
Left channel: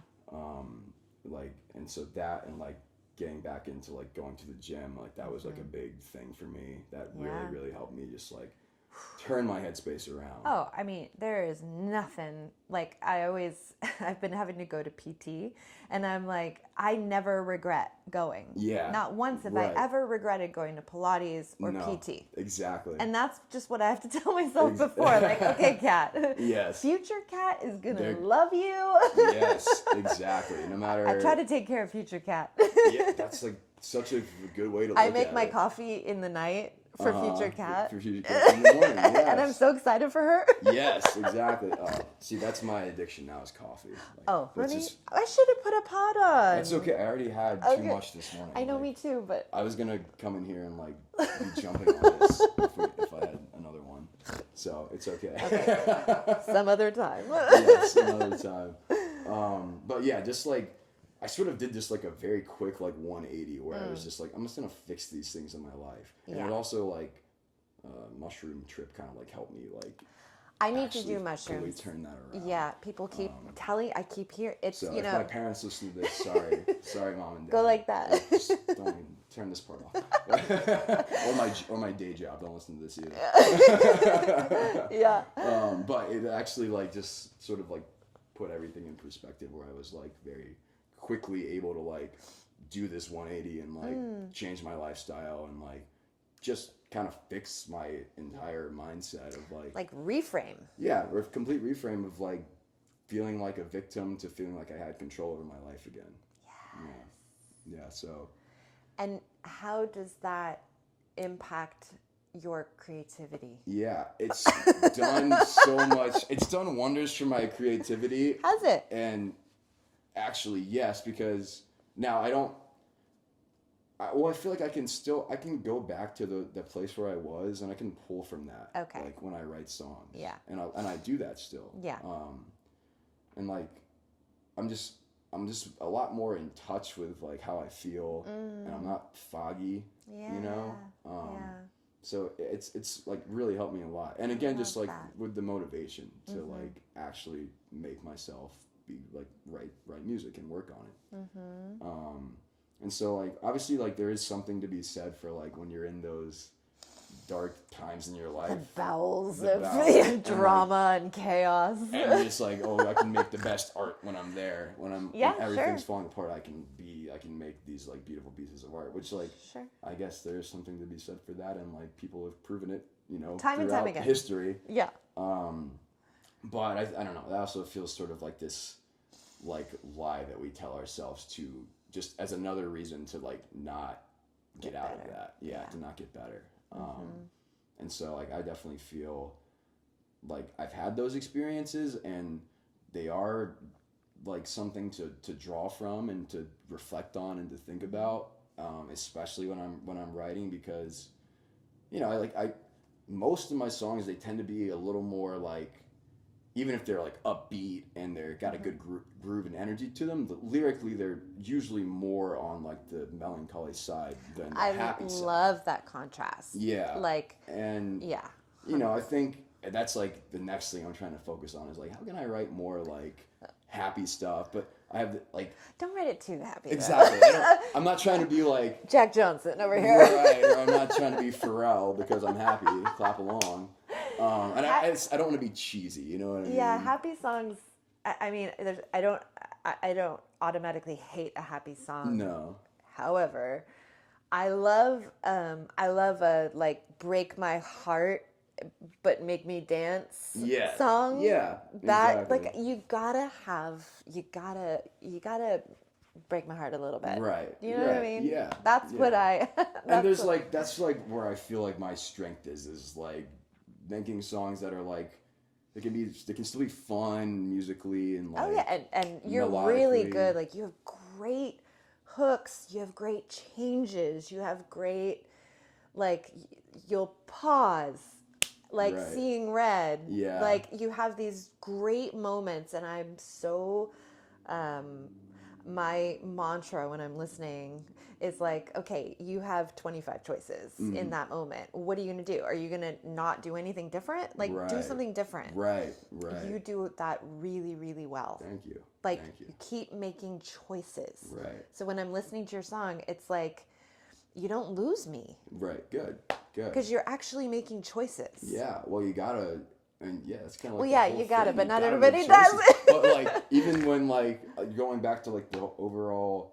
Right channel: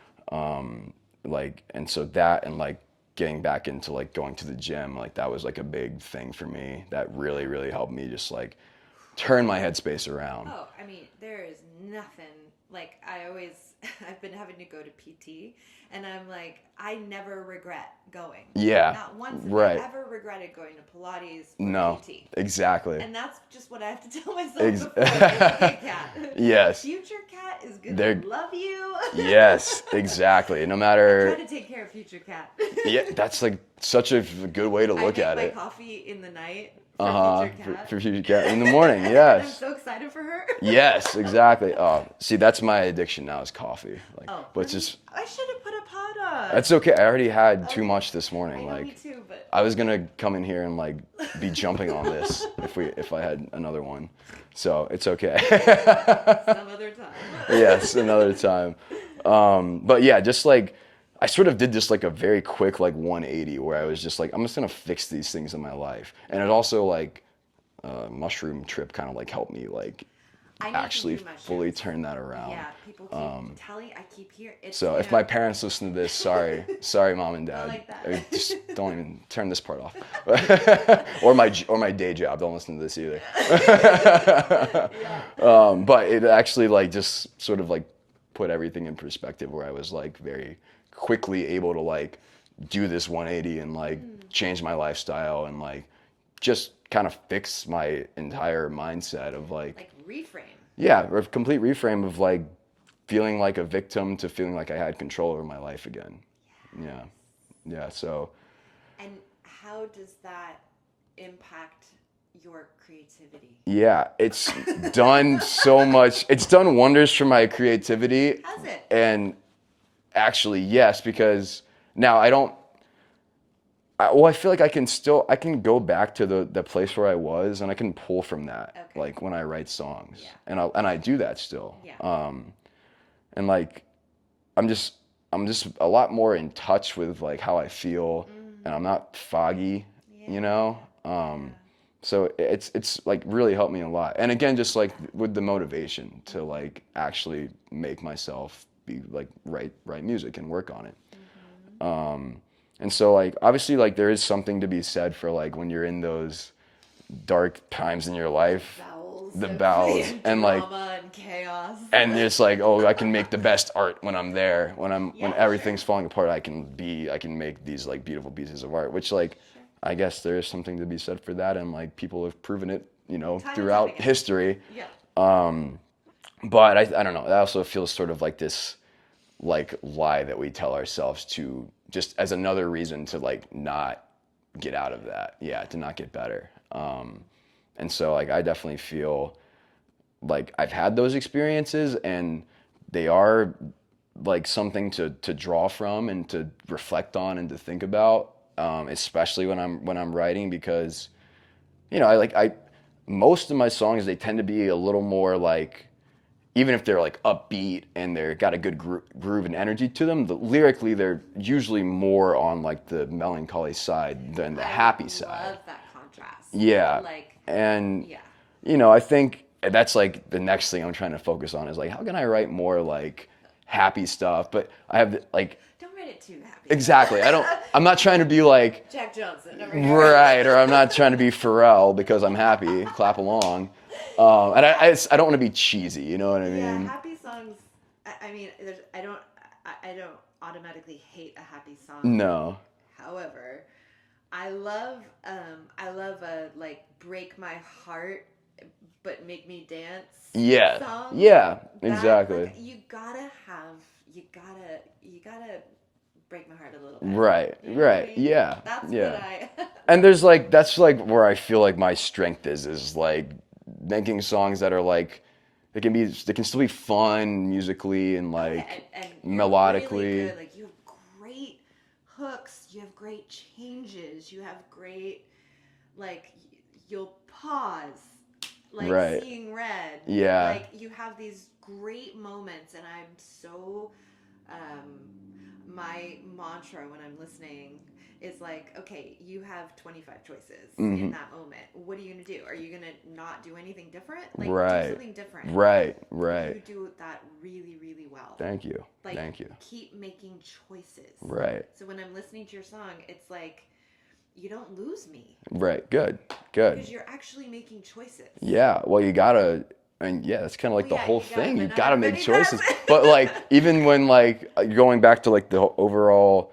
Like, and so that and like getting back into like going to the gym, like that was like a big thing for me that really, really helped me just like turn my headspace around. Oh, I mean, there is nothing like I've been having to go to PT, and I'm like, I never regret going. Yeah. Not once have I ever regretted going to Pilates or PT. Exactly. And that's just what I have to tell myself before. Like, okay, Kat. Yes. Future Kat is gonna love you. Yes, exactly. No matter. I try to take care of future Kat. Yeah, that's like such a good way to look at it. I make my coffee in the night. For future Kat. For future Kat in the morning, yes. And I'm so excited for her. Yes, exactly. Oh, see, that's my addiction now is coffee. Like, but just I should have put a pot on. That's okay. I already had too much this morning. I know, like, me too, but I was gonna come in here and like be jumping on this if I had another one. So it's okay. Some other time. Yes, another time. But yeah, just like. I sort of did just like a very quick like 180 where I was just like, I'm just gonna fix these things in my life. And it also like mushroom trip kind of like helped me like actually fully turn that around. Yeah, people keep telling, I keep hearing. So if my parents listen to this, sorry mom and dad. Go like that. Just don't even turn this part off. or my day job, don't listen to this either. Yeah. But it actually like just sort of like put everything in perspective where I was like very quickly able to like do this 180 and like change my lifestyle and like just kind of fix my entire mindset of like reframe. Yeah, or a complete reframe of like feeling like a victim to feeling like I had control over my life again. Yeah. So. And how does that impact your creativity? Yeah, it's done so much. It's done wonders for my creativity. Has it? And actually, yes, because now I feel like I can go back to the place where I was and I can pull from that, like when I write songs. Yeah. And I do that still. Yeah. And like, I'm just a lot more in touch with like how I feel, and I'm not foggy, you know? So it's like really helped me a lot. And again, just like with the motivation to like actually make myself be like write music and work on it. And so like obviously like there is something to be said for like when you're in those dark times in your life, the bowels and drama and chaos, and it's like, oh, I can make the best art when I'm there, when everything's falling apart. I can make these like beautiful pieces of art, which like I guess there is something to be said for that, and like people have proven it, you know, throughout history. Yeah. But I don't know. That also feels sort of like this like lie that we tell ourselves to just as another reason to like not get out of that. Yeah, to not get better. And so like I definitely feel like I've had those experiences and they are like something to draw from and to reflect on and to think about, especially when I'm writing, because you know, I most of my songs, they tend to be a little more like even if they're like upbeat and they're got a good groove and energy to them, lyrically they're usually more on like the melancholy side than the happy side. I love that contrast. Yeah. Like, and yeah. You know, I think that's like the next thing I'm trying to focus on is like, how can I write more like happy stuff? But I have like, don't write it too happy. Exactly. I'm not trying to be like Jack Johnson over here. Right. Or I'm not trying to be Pharrell because I'm happy. Clap along. And I don't want to be cheesy. You know what I mean? Yeah. Happy songs. I mean, I don't automatically hate a happy song. No. However, I love a like break my heart but make me dance song. Yeah, exactly. Like, you gotta break my heart a little bit. Right, you know right, what I mean? yeah. That's what I... And there's like, that's like where I feel like my strength is like making songs that are like, they can still be fun musically and like and you're melodically. Really good. Like, you have great hooks, you have great changes, you have great, like, you'll pause, like Seeing Red. Yeah. Like, you have these great moments, and I'm so, my mantra when I'm listening is like, okay, you have 25 choices in that moment. What are you going to do? Are you going to not do anything different? Like, do something different. Right. You do that really, really well. Thank you. Like, Thank you. Keep making choices. Right. So when I'm listening to your song, it's like, you don't lose me. Right. Good. Because you're actually making choices. Yeah. Well, you gotta, and yeah, that's kind of like the whole thing. You gotta make choices. Does. But like, even when like, going back to like the overall,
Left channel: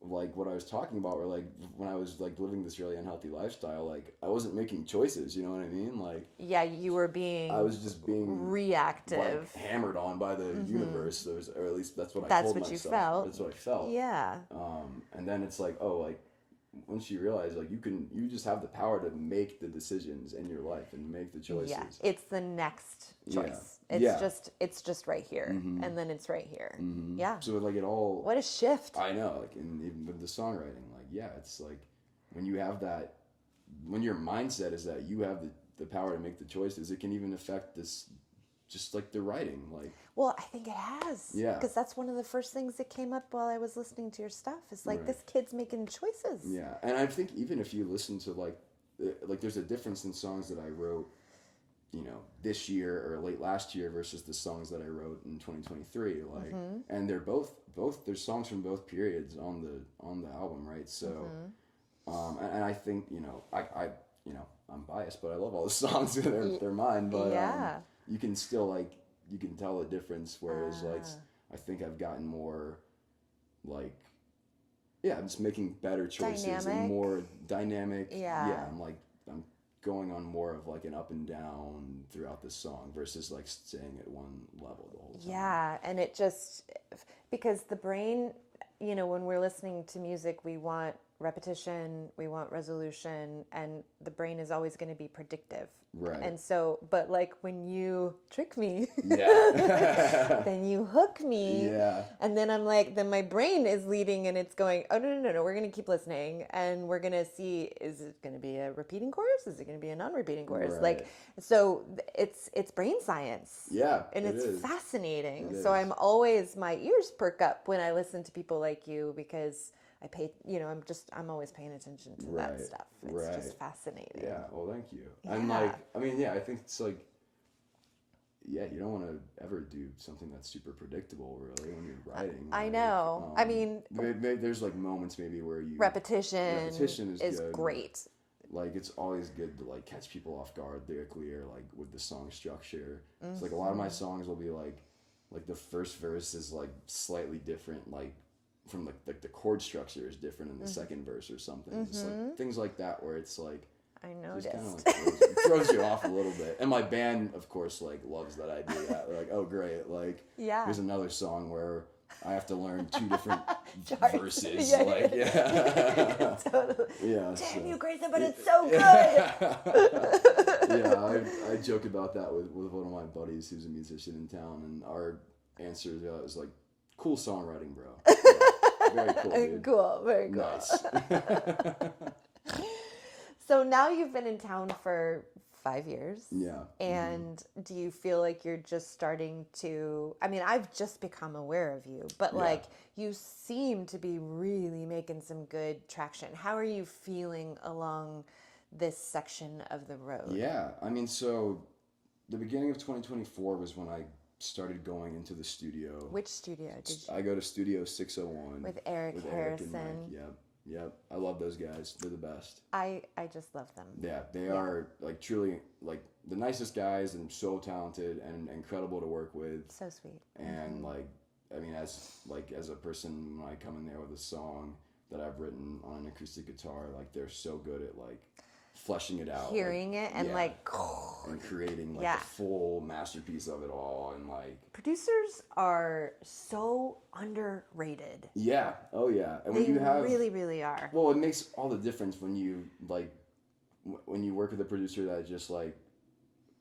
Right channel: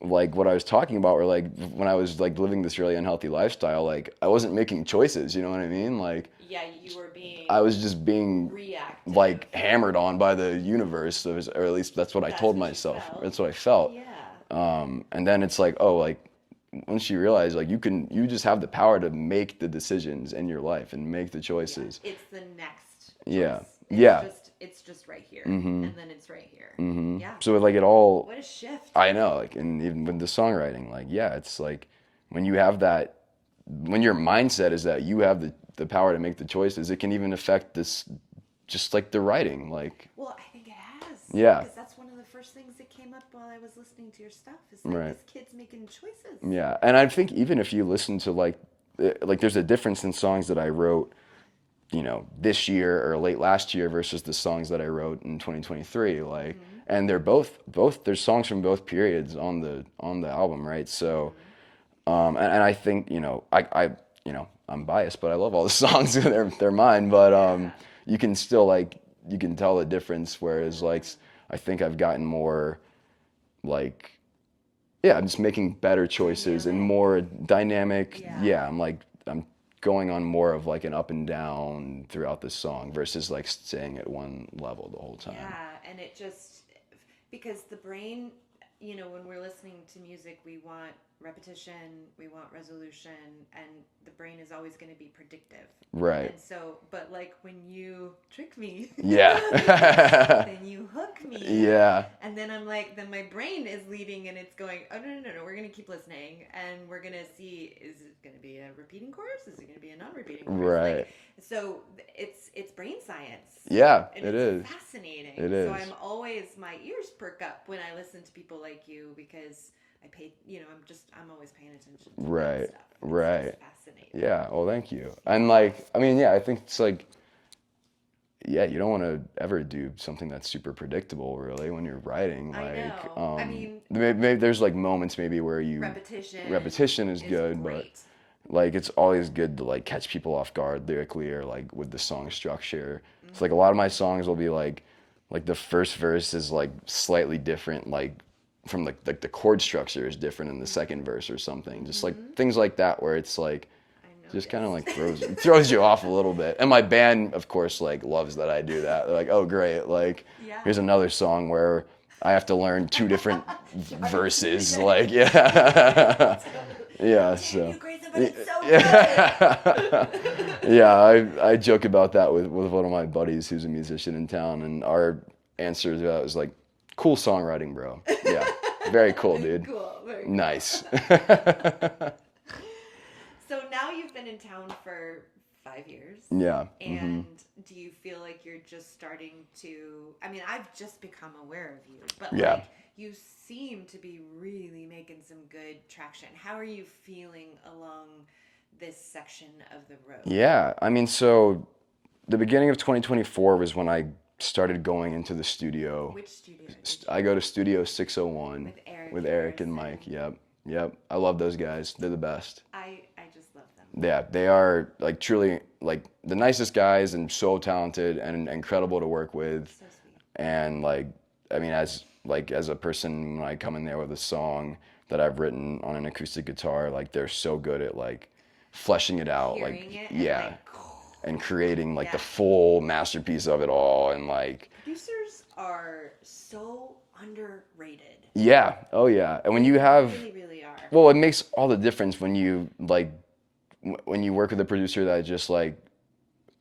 like what I was talking about, where like when I was like living this really unhealthy lifestyle, like I wasn't making choices. You know what I mean? Like, yeah, you were being. I was just being reactive, like hammered on by the universe, or at least that's what I told myself. That's what I felt. Yeah. And then it's like, oh, like once you realize like you just have the power to make the decisions in your life and make the choices. Yeah. It's the next choice. Yeah. It's just right here, and then it's right here. Yeah. So like it all. What a shift. I know, like, and even with the songwriting, like, yeah, it's like when you have that, when your mindset is that you have the power to make the choices, it can even affect this, just like the writing, like. Well, I think it has. Yeah. Because that's one of the first things that came up while I was listening to your stuff. Is like, this kid's making choices. Yeah, and I think even if you listen to like there's a difference in songs that I wrote, you know, this year or late last year versus the songs that I wrote in 2023, like, and they're both there's songs from both periods on the album, right? So, and I think, you know, I you know, I'm biased, but I love all the songs. they're mine, but you can still like, you can tell the difference. Whereas like, I think I've gotten more like, I'm just making better choices and more dynamic. Yeah, I'm going on more of like an up and down throughout the song versus like staying at one level the whole time. Yeah, and it just, because the brain, you know, when we're listening to music, we want repetition, we want resolution, and the brain is always going to be predictive. Right. And so, but like when you trick me, then you hook me. Yeah. And then I'm like, then my brain is leading and it's going, oh, no, we're going to keep listening and we're going to see, is it going to be a repeating chorus? Is it going to be a non-repeating chorus? Right. Like, so it's brain science. Yeah, and it it's is fascinating. It is. So I'm always, my ears perk up when I listen to people like you, because I pay, you know, I'm always paying attention to that stuff. It's just fascinating. Yeah. Well, thank you. And like, I mean, I think it's like, you don't want to ever do something that's super predictable, really, when you're writing. Like, I know. I mean, maybe there's like moments maybe where repetition is good. Great. Like, it's always good to like catch people off guard lyrically or like with the song structure. It's like a lot of my songs will be like the first verse is like slightly different, like from like the chord structure is different in the second verse or something. Just like things like that where it's like, just kind of like throws you off a little bit. And my band, of course, like loves that I do that. They're like, oh, great. Like, here's another song where I have to learn two different verses. Like, yeah. Yeah, so. You, Greyson, but it's so good. Yeah, I joke about that with one of my buddies who's a musician in town, and our answer to that was like, cool songwriting, bro. Yeah, very cool, dude. Cool, very cool. Nice. So now you've been in town for 5 years. Yeah. And do you feel like you're just starting to, I mean, I've just become aware of you, but Yeah. like you seem to be really making some good traction. How are you feeling along this section of the road? Yeah. I mean, so the beginning of 2024 was when I started going into the studio. Which studio did you? I go to Studio 601 With Eric with Harris Eric and Mike. Yep. Yep. I love those guys. They're the best. I just love them. Yeah, they are like truly like the nicest guys and so talented and incredible to work with. So sweet. And like, I mean, as a person, when I come in there with a song that I've written on an acoustic guitar, like they're so good at like fleshing it out, Hearing like it and yeah, like, and creating like yeah. the full masterpiece of it all, and like producers are so underrated. yeah, oh yeah, and when They you have really, really are. well, it makes all the difference when you like when you work with a producer that just like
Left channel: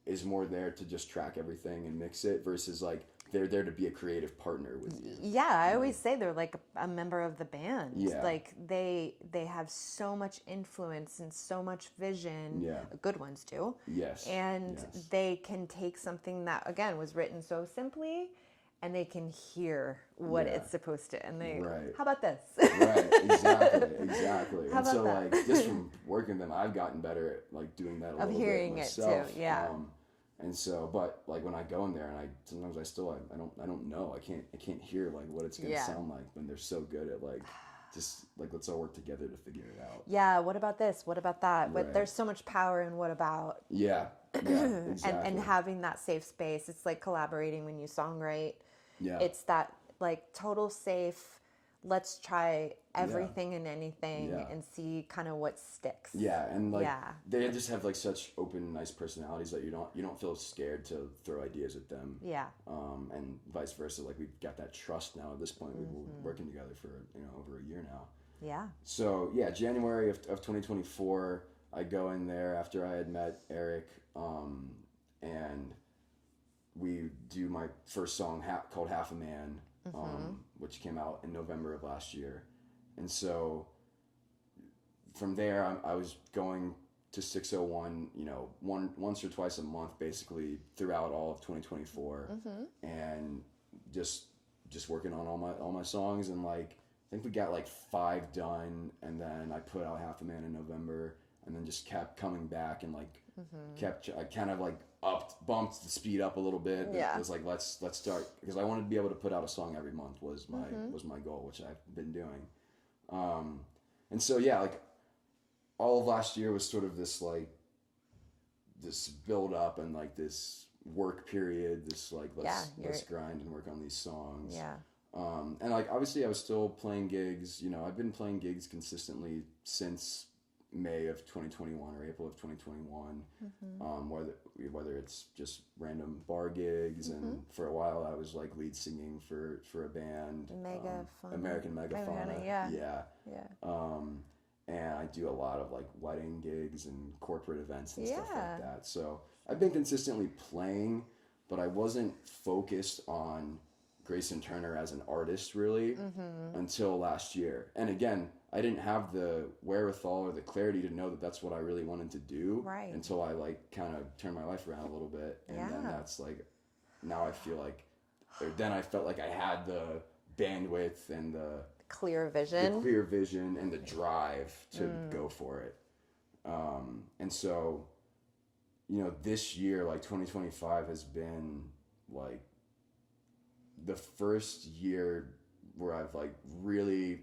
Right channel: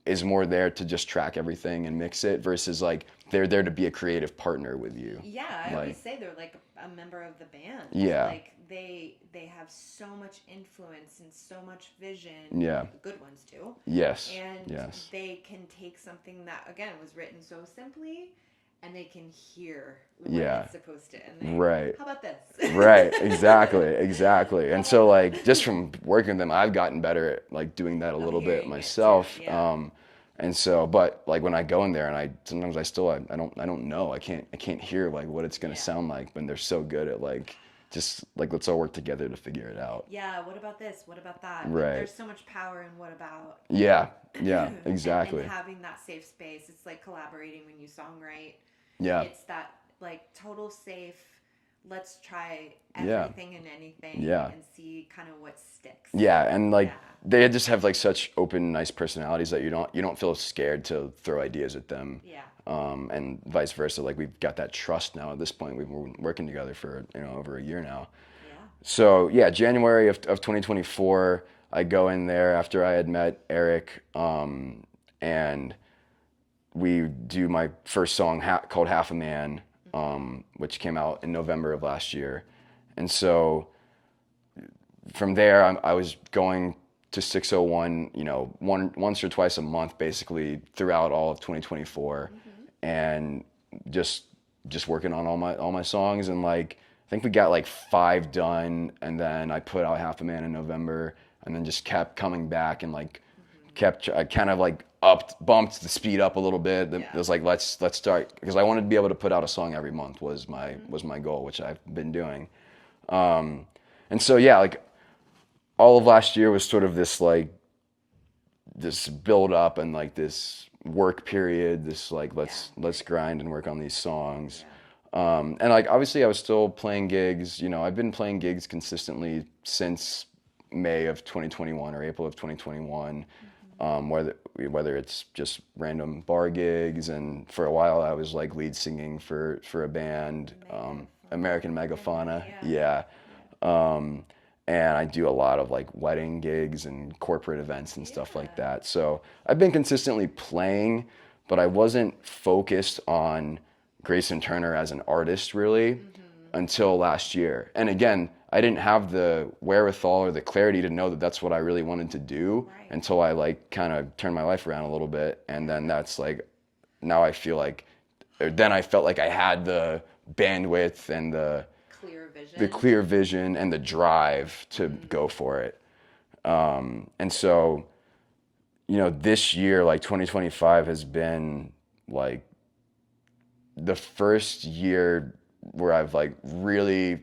is more there to just track everything and mix it versus like they're there to be a creative partner with you. Yeah, I like, always say they're like a member of the band. Yeah. Like they have so much influence and so much vision. Yeah. Good ones too. Yes. And yes. they can take something that again was written so simply and they can hear what Yeah. it's supposed to and they Right. how about this? Right, exactly. And so like just from working with them I've gotten better at like doing that a little bit myself. Yeah. And so but like when I go in there and sometimes I still I don't know. I can't hear like what it's gonna sound like when they're so good at like just like let's all work together to figure it out. Yeah, what about this? What about that? Right. Like, there's so much power in what about. Yeah, exactly. and having that safe space. It's like collaborating when you songwrite. Yeah. It's that like total safe, let's try everything and anything and see kind of what sticks. Yeah, and like they just have like such open, nice personalities that you don't feel scared to throw ideas at them. Yeah. And vice versa. Like we've got that trust now at this point. We've been working together for over a year now. Yeah. So yeah, January of 2024, I go in there after I had met Eric, and we do my first song called Half a Man, which came out in November of last year. And so from there, I was going to 601, once or twice a month, basically throughout all of 2024, and just working on all my songs. And like I think we got like 5 done, and then I put out Half a Man in November, and then just kept coming back and like I kind of like bumped the speed up a little bit. It was like let's start, because I wanted to be able to put out a song every month was my goal, which I've been doing. And so yeah, like all of last year was sort of this like this build up and like this work period, this like let's grind and work on these songs. And like obviously I was still playing gigs. I've been playing gigs consistently since May of 2021 or April of 2021. Whether it's just random bar gigs, and for a while I was like lead singing for a band, American Megafauna. Yeah. And I do a lot of like wedding gigs and corporate events and stuff like that. So I've been consistently playing, but I wasn't focused on Greyson Turner as an artist really until last year. And again, I didn't have the wherewithal or the clarity to know that that's what I really wanted to do until I like kind of turned my life around a little bit. And then that's like, now I feel like, then I felt like I had the bandwidth and the clear vision and the drive to go for it. And so, this year, like 2025 has been like the first year where I've like really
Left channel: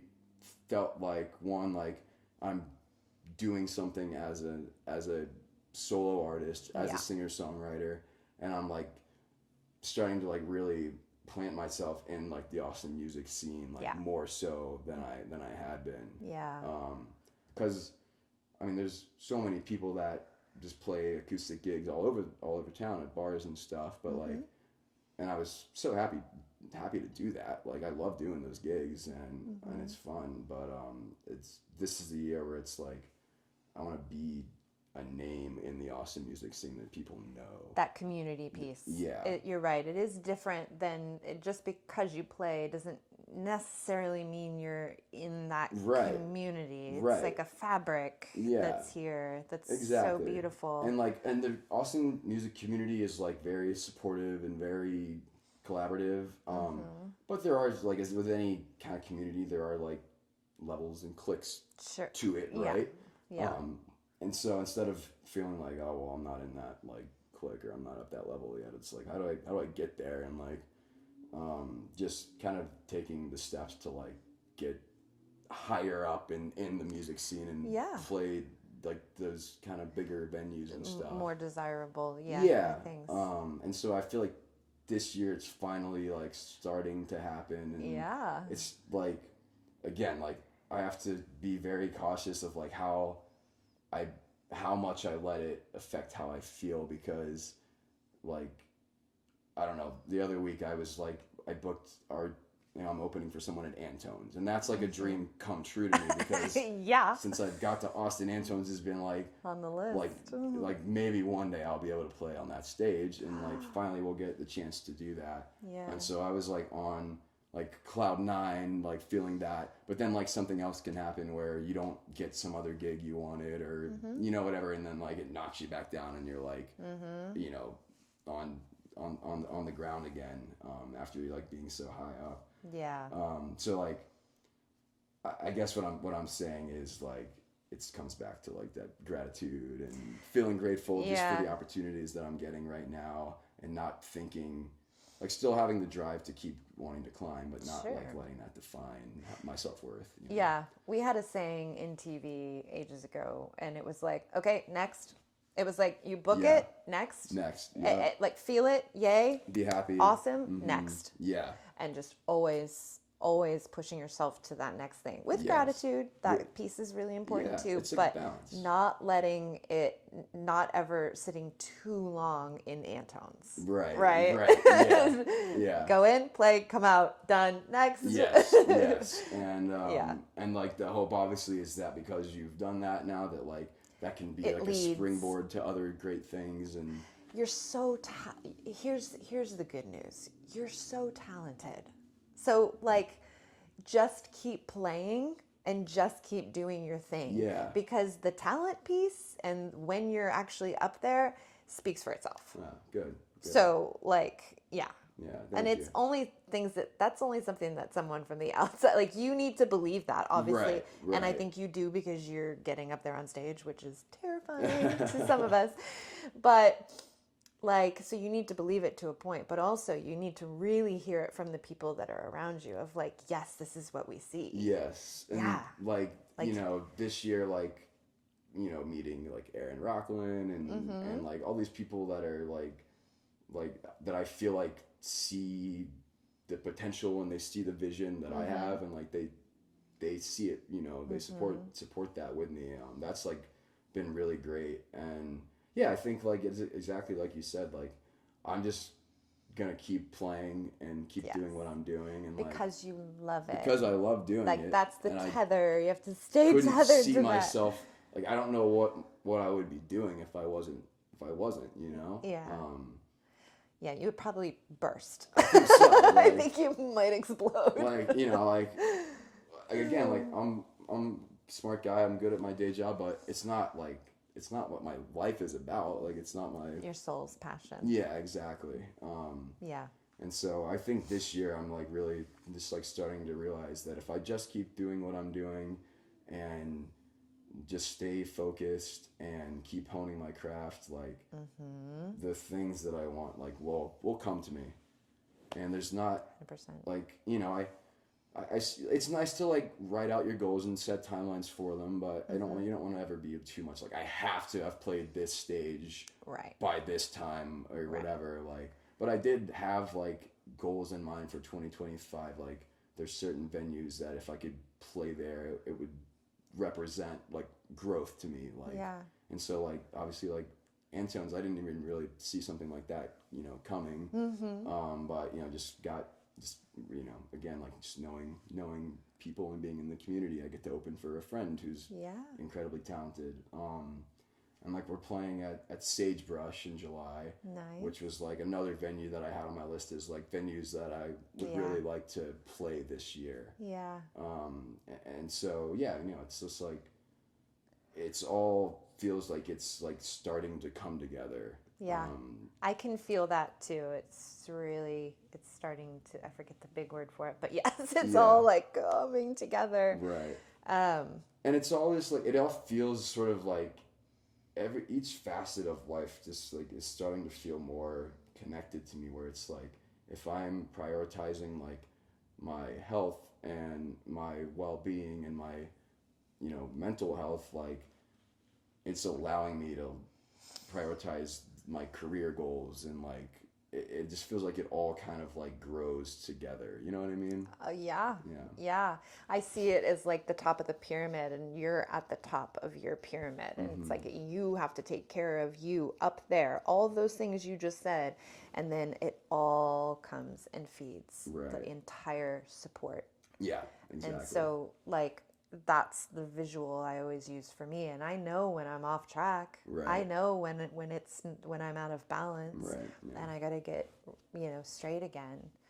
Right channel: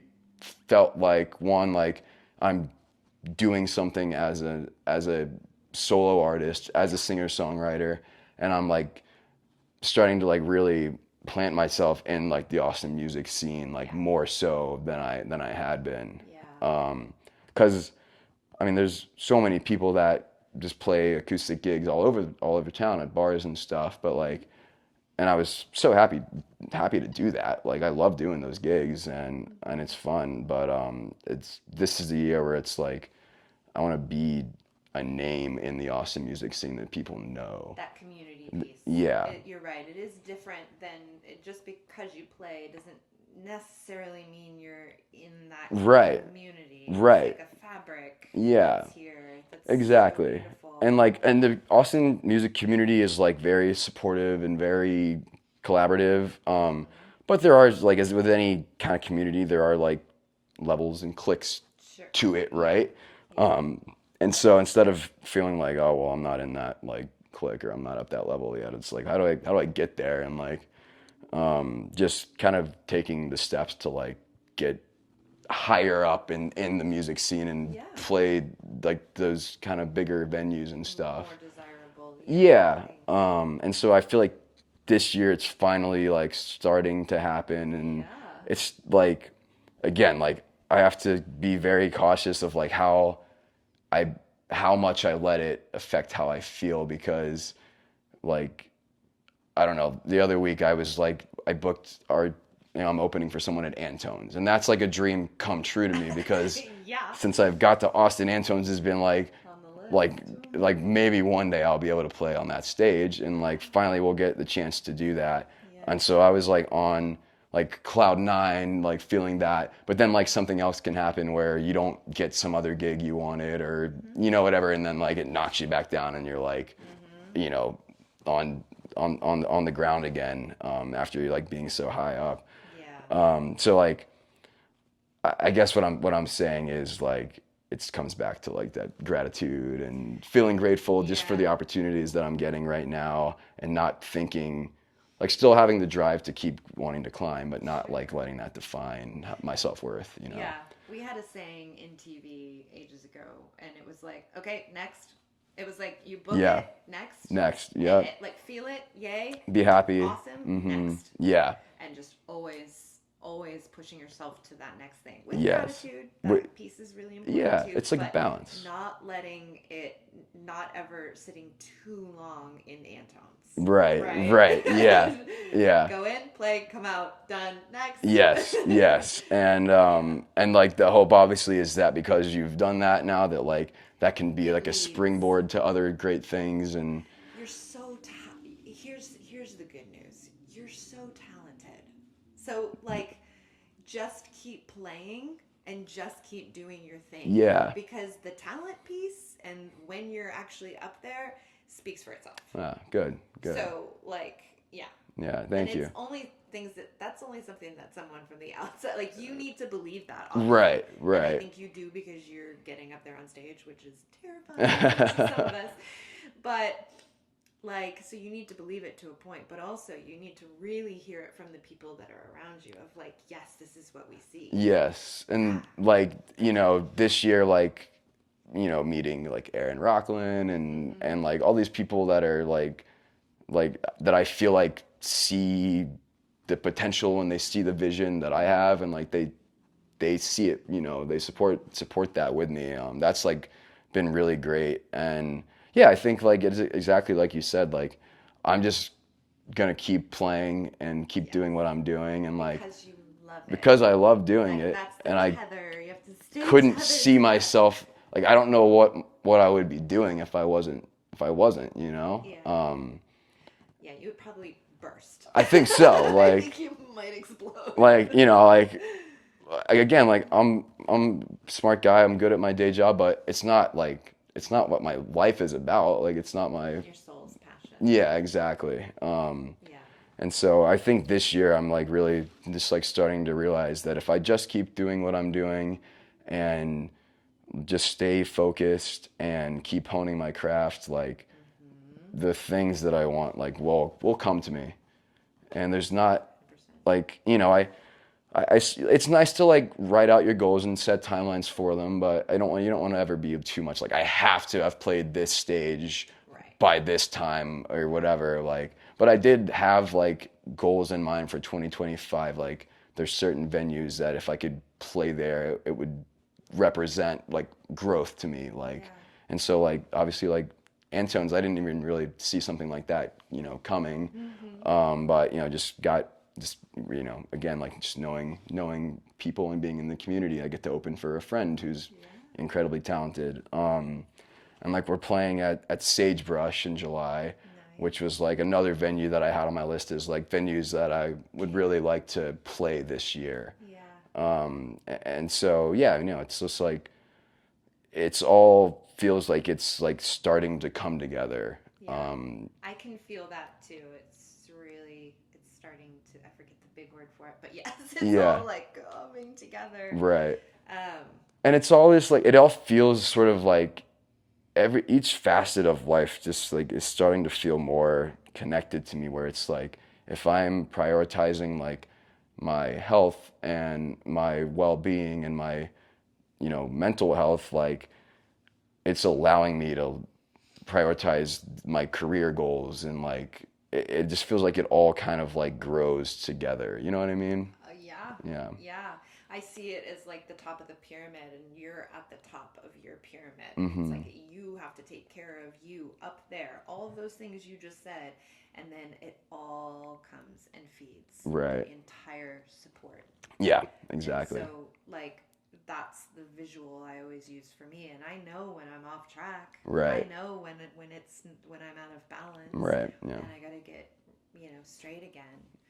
felt like I'm doing something as a solo artist, as a singer-songwriter, and I'm like starting to like really plant myself in like the Austin music scene, like more so than I had been. Yeah. Because I mean, there's so many people that just play acoustic gigs all over town at bars and stuff, but like, and I was so happy to do that. Like I love doing those gigs and it's fun, but this is the year where it's like I want to be a name in the Austin music scene that people know. That community piece. Yeah. You're right. It is different than just because you play doesn't necessarily mean you're in that community. Right. It's like a fabric. Yeah. That's here. That's Exactly. so beautiful. And like, and the Austin music community is like very supportive and very collaborative. But there are, like, as with any kind of community, there are like levels and cliques Sure. to it, right? Yeah. And so instead of feeling like, oh well, I'm not in that like clique or I'm not up that level yet, it's like, how do I get there? And like, just kind of taking the steps to like get higher up in the music scene and play like those kind of bigger venues and stuff. More desirable. Yeah. And so I feel like this year it's finally like starting to happen, and it's like, again, like I have to be very cautious of like how much I let it affect how I feel, because like, I don't know, the other week I was like, I booked I'm opening for someone at Antone's, and that's like a dream come true to me, because since I've got to Austin, Antone's has been like on the list. like maybe one day I'll be able to play on that stage, and like finally we'll get the chance to do that. And so I was like on like cloud nine, like feeling that, but then like something else can happen where you don't get some other gig you wanted, or whatever, and then like it knocks you back down and you're like on the ground again, after you're like being so high up. So like, I guess what I'm saying is like, it comes back to like that gratitude and feeling grateful just for the opportunities that I'm getting right now, and not thinking, like, still having the drive to keep wanting to climb, but not like letting that define my self-worth, Yeah, we had a saying in TV ages ago, and it was like, okay, next. It was like, you book it, next, like feel it, yay, be happy, awesome, next, and just always pushing yourself to that next thing with gratitude. That piece is really important too. It's like a balance. Not letting it, not ever sitting too long in Antone's. Right. Yeah. Go in, play, come out, done, next. Yes. And like the hope obviously is that because you've done that now, that like that can be like a springboard to other great things. And you're so here's the good news. You're so talented. So like, just keep playing and just keep doing your thing. Yeah. Because the talent piece, and when you're actually up there, speaks for itself. Good. So like, Yeah, thank you. And you. it's only things that's only something that someone from the outside, like, you need to believe that, obviously. Right. And I think you do, because you're getting up there on stage, which is terrifying to some of us. But like, so you need to believe it to a point, but also you need to really hear it from the people that are around you, of like, yes, this is what we see. Yes. And like, this year, like, meeting like Aaron Rocklin and like all these people that are like that I feel like see the potential and they see the vision that I have, and like they see it, they support that with me. That's like been really great. And yeah, I think like it's exactly like you said, like I'm just gonna keep playing and keep doing what I'm doing, and like because you love it. Because I love doing like, it. That's the and tether. You have to stay. Couldn't see myself like, I don't know what I would be doing if I wasn't, Yeah. Yeah, you would probably burst. I think so. Like, I think you might explode. Like, like again, like I'm a smart guy. I'm good at my day job, but it's not what my life is about. Like, it's not your soul's passion. Yeah, exactly. And so I think this year I'm like really just like starting to realize that if I just keep doing what I'm doing and just stay focused and keep honing my craft, like the things that I want, like, will come to me. And there's not 100%. like, it's nice to like write out your goals and set timelines for them, but you don't want to ever be too much like, I have to have played this stage by this time or whatever. Like, but I did have like goals in mind for 2025. Like, there's certain venues that if I could play there, it would represent like growth to me. Like, and so like, obviously like Antone's, I didn't even really see something like that, coming. But again, like just knowing people and being in the community, I get to open for a friend who's incredibly talented. And like, we're playing at Sagebrush in July, which was like another venue that I had on my list as like venues that I would really like to play this year. And so, yeah, it's just like, it's all feels like it's like starting to come together. Yeah. I can feel that too. It's starting to, I forget the big word for it, but yes, it's all like coming together. Right. And it's all just like, it all feels sort of like each facet of life just like is starting to feel more connected to me, where it's like, if I'm prioritizing like my health and my well-being and my, mental health, like it's allowing me to prioritize my career goals, and like it just feels like it all kind of like grows together. You know what I mean? Yeah. Yeah. Yeah. I see it as like the top of the pyramid, and you're at the top of your pyramid. And it's like you have to take care of you up there. All of those things you just said, and then it all comes and feeds the entire support. Yeah, exactly. And so like that's the visual I always use for me, and I know when I'm off track. Right. I know when I'm out of balance. Right. Yeah. And I got to get straight again.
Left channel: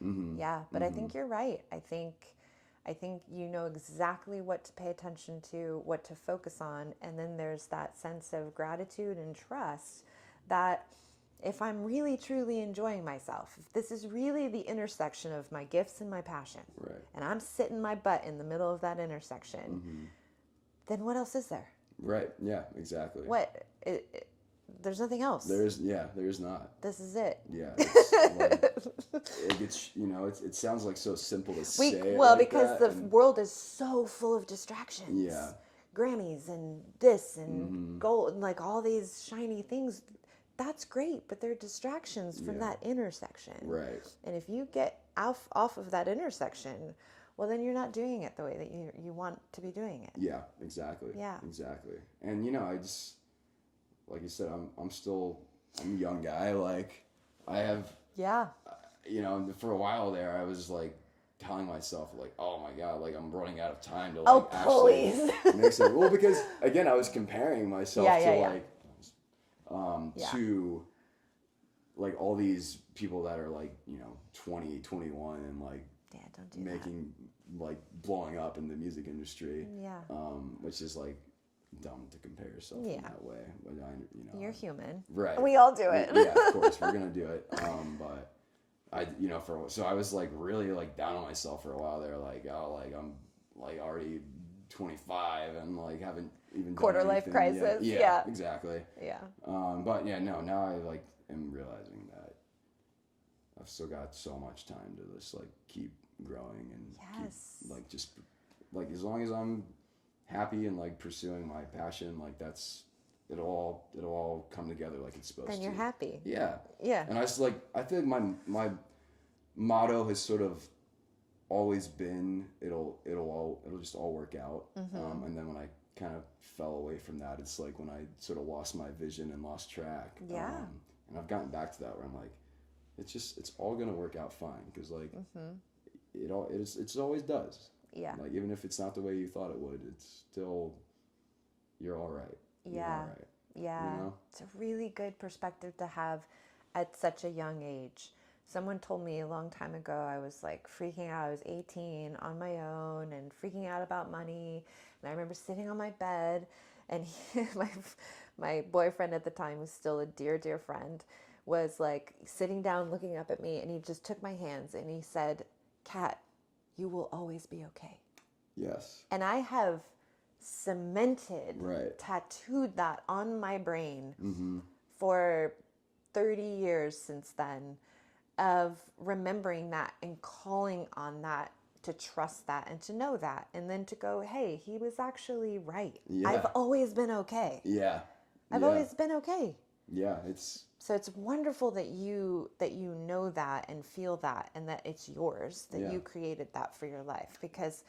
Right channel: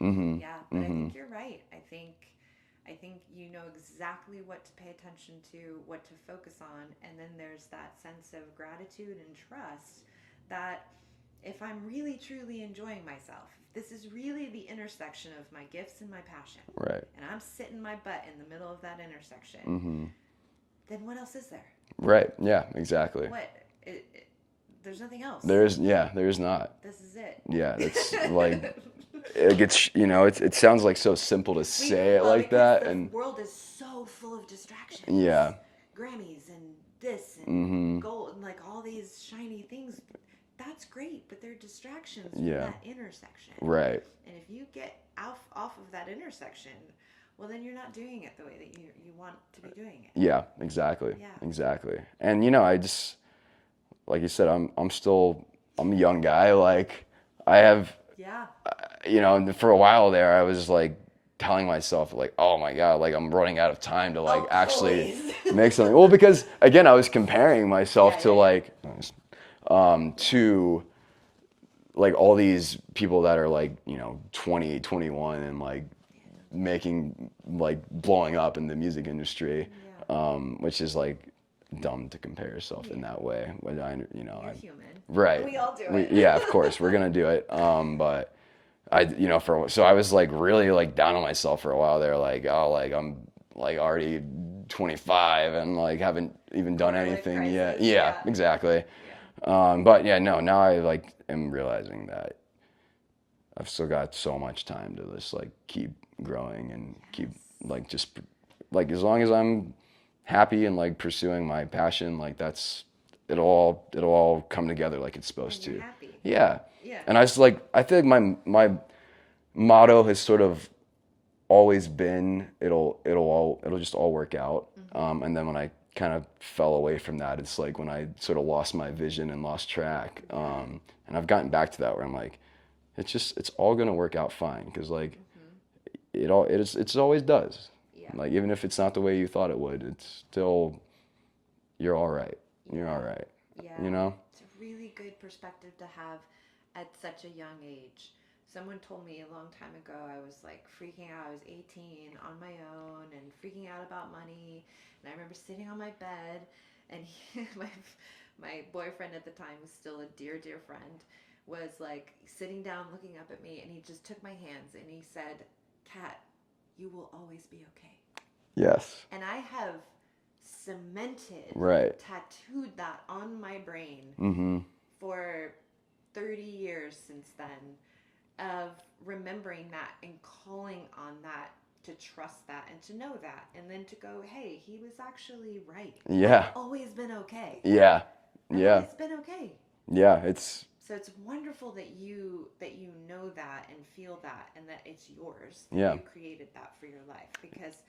Mm-hmm. Yeah, but I think you're right. I think you know exactly what to pay attention to, what to focus on, and then there's that sense of gratitude and trust that if I'm really truly enjoying myself, if this is really the intersection of my gifts and my passion, right, and I'm sitting my butt in the middle of that intersection, then what else is there? Right. Yeah. Exactly. There's nothing else. There is not. This is it. Yeah, it's like it gets, it sounds like so simple to say it like that. Because the world is so full of distractions. Yeah. Grammys and this and gold and like all these shiny things. That's great, but they're distractions from that intersection. Right. And if you get off of that intersection, well, then you're not doing it the way that you want to be doing it. Yeah, exactly. Yeah. Exactly. And I just, like you said, I'm a young guy. Like I have, for a while there, I was like telling myself like, oh my God, like I'm running out of time to like actually make something. Well, because again, I was comparing myself to like, to like all these people that are like, 20, 21 and like making, like blowing up in the music industry, which is like dumb to compare yourself in that way. But you're human, right? We all do it. Yeah, of course, we're gonna do it. But I, so I was like really like down on myself for a while there. Like, oh, like I'm like already 25 and like haven't even done anything yet. Yeah, exactly. Yeah. But yeah, no. Now I like am realizing that I've still got so much time to just like keep growing and keep like just like as long as I'm happy and like pursuing my passion, like it'll all come together like it's supposed to. And you're happy. Yeah. Yeah. And I feel like my motto has sort of always been it'll just all work out. And then when I kind of fell away from that, it's like when I sort of lost my vision and lost track. And I've gotten back to that where I'm like, it's all gonna work out fine, because like it always does. Yeah. Like even if it's not the way you thought it would, it's still, you're all right. You're all right. Yeah. It's a really good perspective to have at such a young age. Someone told me a long time ago, I was like freaking out. I was 18 on my own and freaking out about money. And I remember sitting on my bed, and my boyfriend at the time, was still a dear, dear friend, was like sitting down looking up at me, and he just took my hands and he said, "Kat, you will always be okay." Yes. And I have cemented, tattooed that on my brain for 30 years since then, of remembering that and calling on that, to trust that and to know that, and then to go, hey, he was actually right. Yeah. I've always been okay. Yeah. I've always been okay. Yeah, so it's wonderful that you know that and feel that, and that it's yours, that you created that for your life, because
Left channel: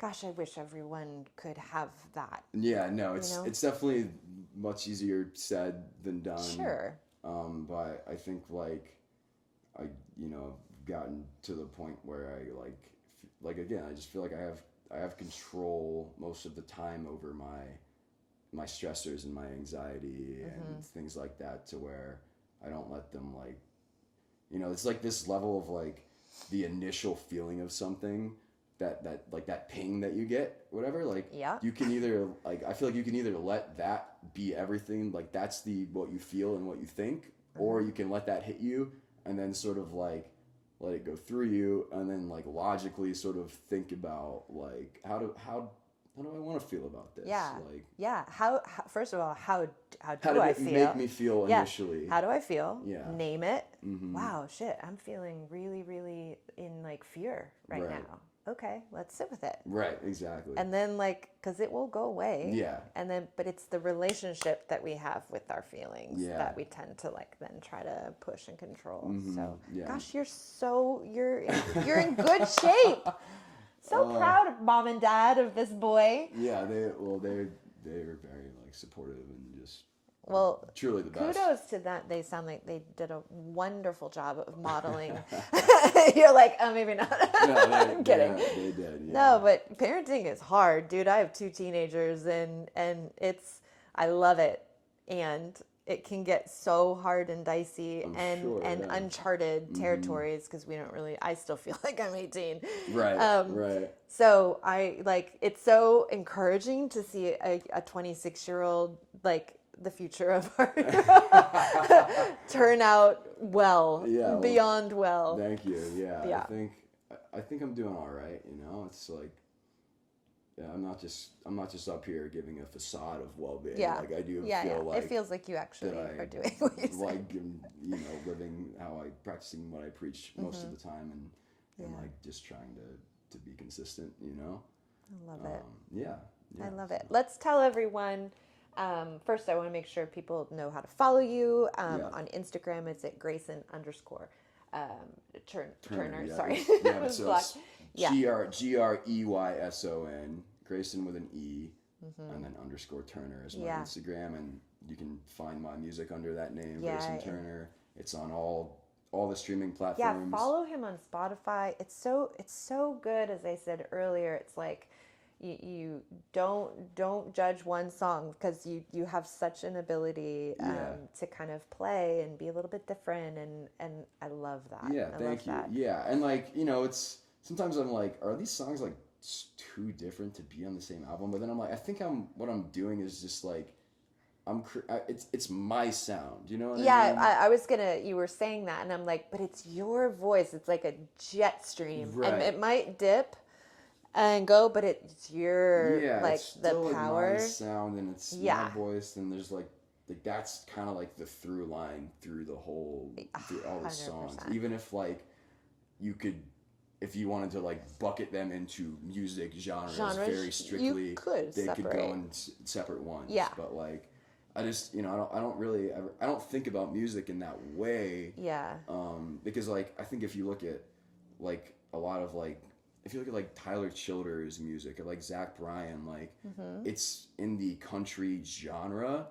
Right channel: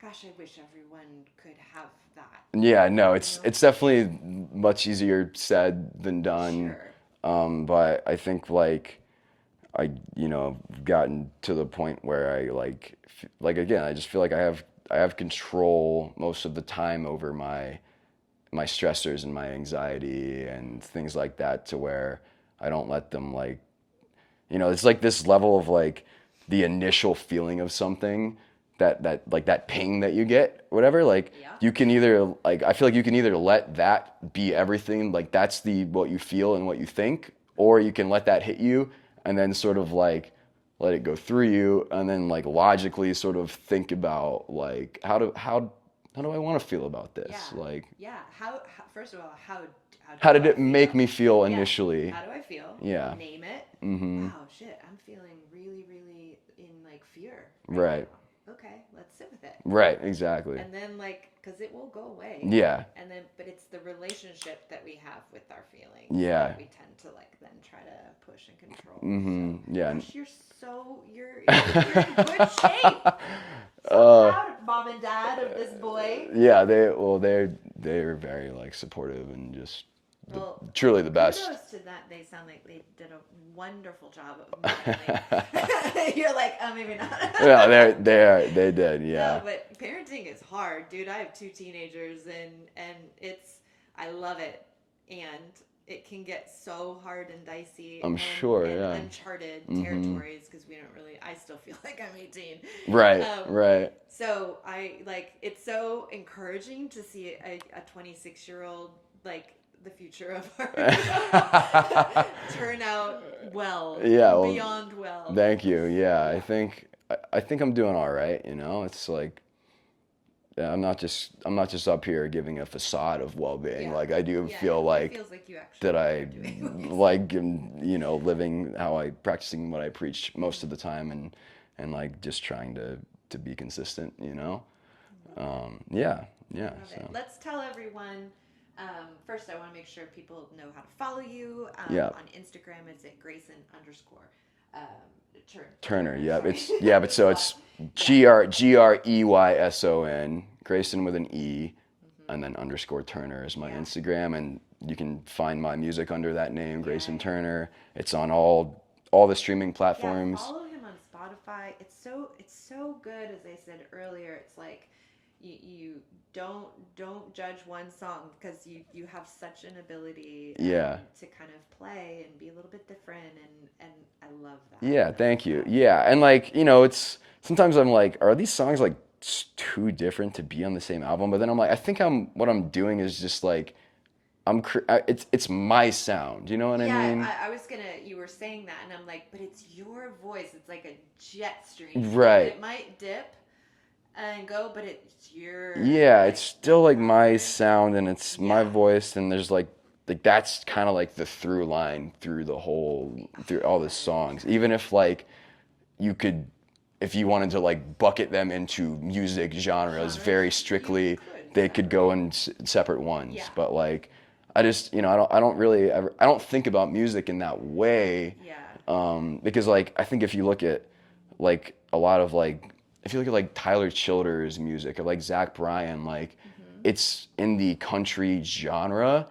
gosh, I wish everyone could have that. Yeah, no, it's definitely much easier said than done. Sure. But I think like I gotten to the point where I like again, I just feel like I have control most of the time over my stressors and my anxiety and things like that, to where I don't let them like, it's like this level of like the initial feeling of something, like that ping that you get, whatever, like Yeah. you can either like I feel like you can either let that be everything, like that's the what you feel and what you think, or you can let that hit you and then sort of like let it go through you and then like logically sort of think about like how do I want to feel about this? Yeah. Like Yeah. How first of all, how do did I it feel? make me feel Yeah. initially? How do I feel? Yeah. Name it. Mm-hmm. Wow, shit. I'm feeling really, really in like fear Right. now. Okay, let's sit with it. Right, exactly. And then like, because it will go away. Yeah. And then, but it's the relationship that we have with our feelings Yeah. that we tend to like then try to push and control. Mm-hmm. So, Yeah. gosh, you're in good shape. So proud, mom and dad, of this boy. Yeah, they're very like supportive and just truly the best. Kudos to that. They sound like they did a wonderful job of modeling. You're like, oh, maybe not. Yeah, they did. Yeah. No, but parenting is hard, dude. I have 2 teenagers, and I love it, and it can get so hard and dicey. I'm and, sure, and yeah. uncharted territories because we don't really. I still feel like I'm 18. Right. Right. So it's so encouraging to see a 26-year-old like the future of our turn out well. Yeah. Well, beyond well. Thank you. Yeah. I think I'm doing all right. You know, it's like. Yeah, I'm not just up here giving a facade of well-being. Yeah. Like I do feel like it feels like you actually that are doing like you know living how I practicing what I preach most of the time and like just trying to be consistent. You know. Yeah. I love it. Let's tell everyone. First, I want to make sure people know how to follow you. On Instagram, it's at Greyson Turner. Yeah, sorry. but so it's Greyson, Greyson with an E, and then _ Turner is my Instagram, and you can find my music under that name, Greyson Turner. It's on all the streaming platforms. Yeah, follow him on Spotify. It's so good. As I said earlier, it's like you don't judge one song because you have such an ability to kind of play and be a little bit different, and I love that. Yeah, thank you. Yeah, and like, you know, it's sometimes I'm like, are these songs like too different to be on the same album? But then I'm like, I think what I'm doing is just like it's my sound. You know what I mean? Yeah, I was you were saying that, and I'm like, but it's your voice. It's like a jet stream. Right. It might dip and go, but it's your it's still like my sound, and it's my voice, and there's like that's kind of like the through line through all the songs. Even if like if you wanted to like bucket them into music genres very strictly, they could go in separate ones. Yeah. But like I just, you know, I don't think about music in that way. Yeah. Because like I think if you look at like a lot of like if you look at like Tyler Childers' music or like Zach Bryan, like it's in the country genre,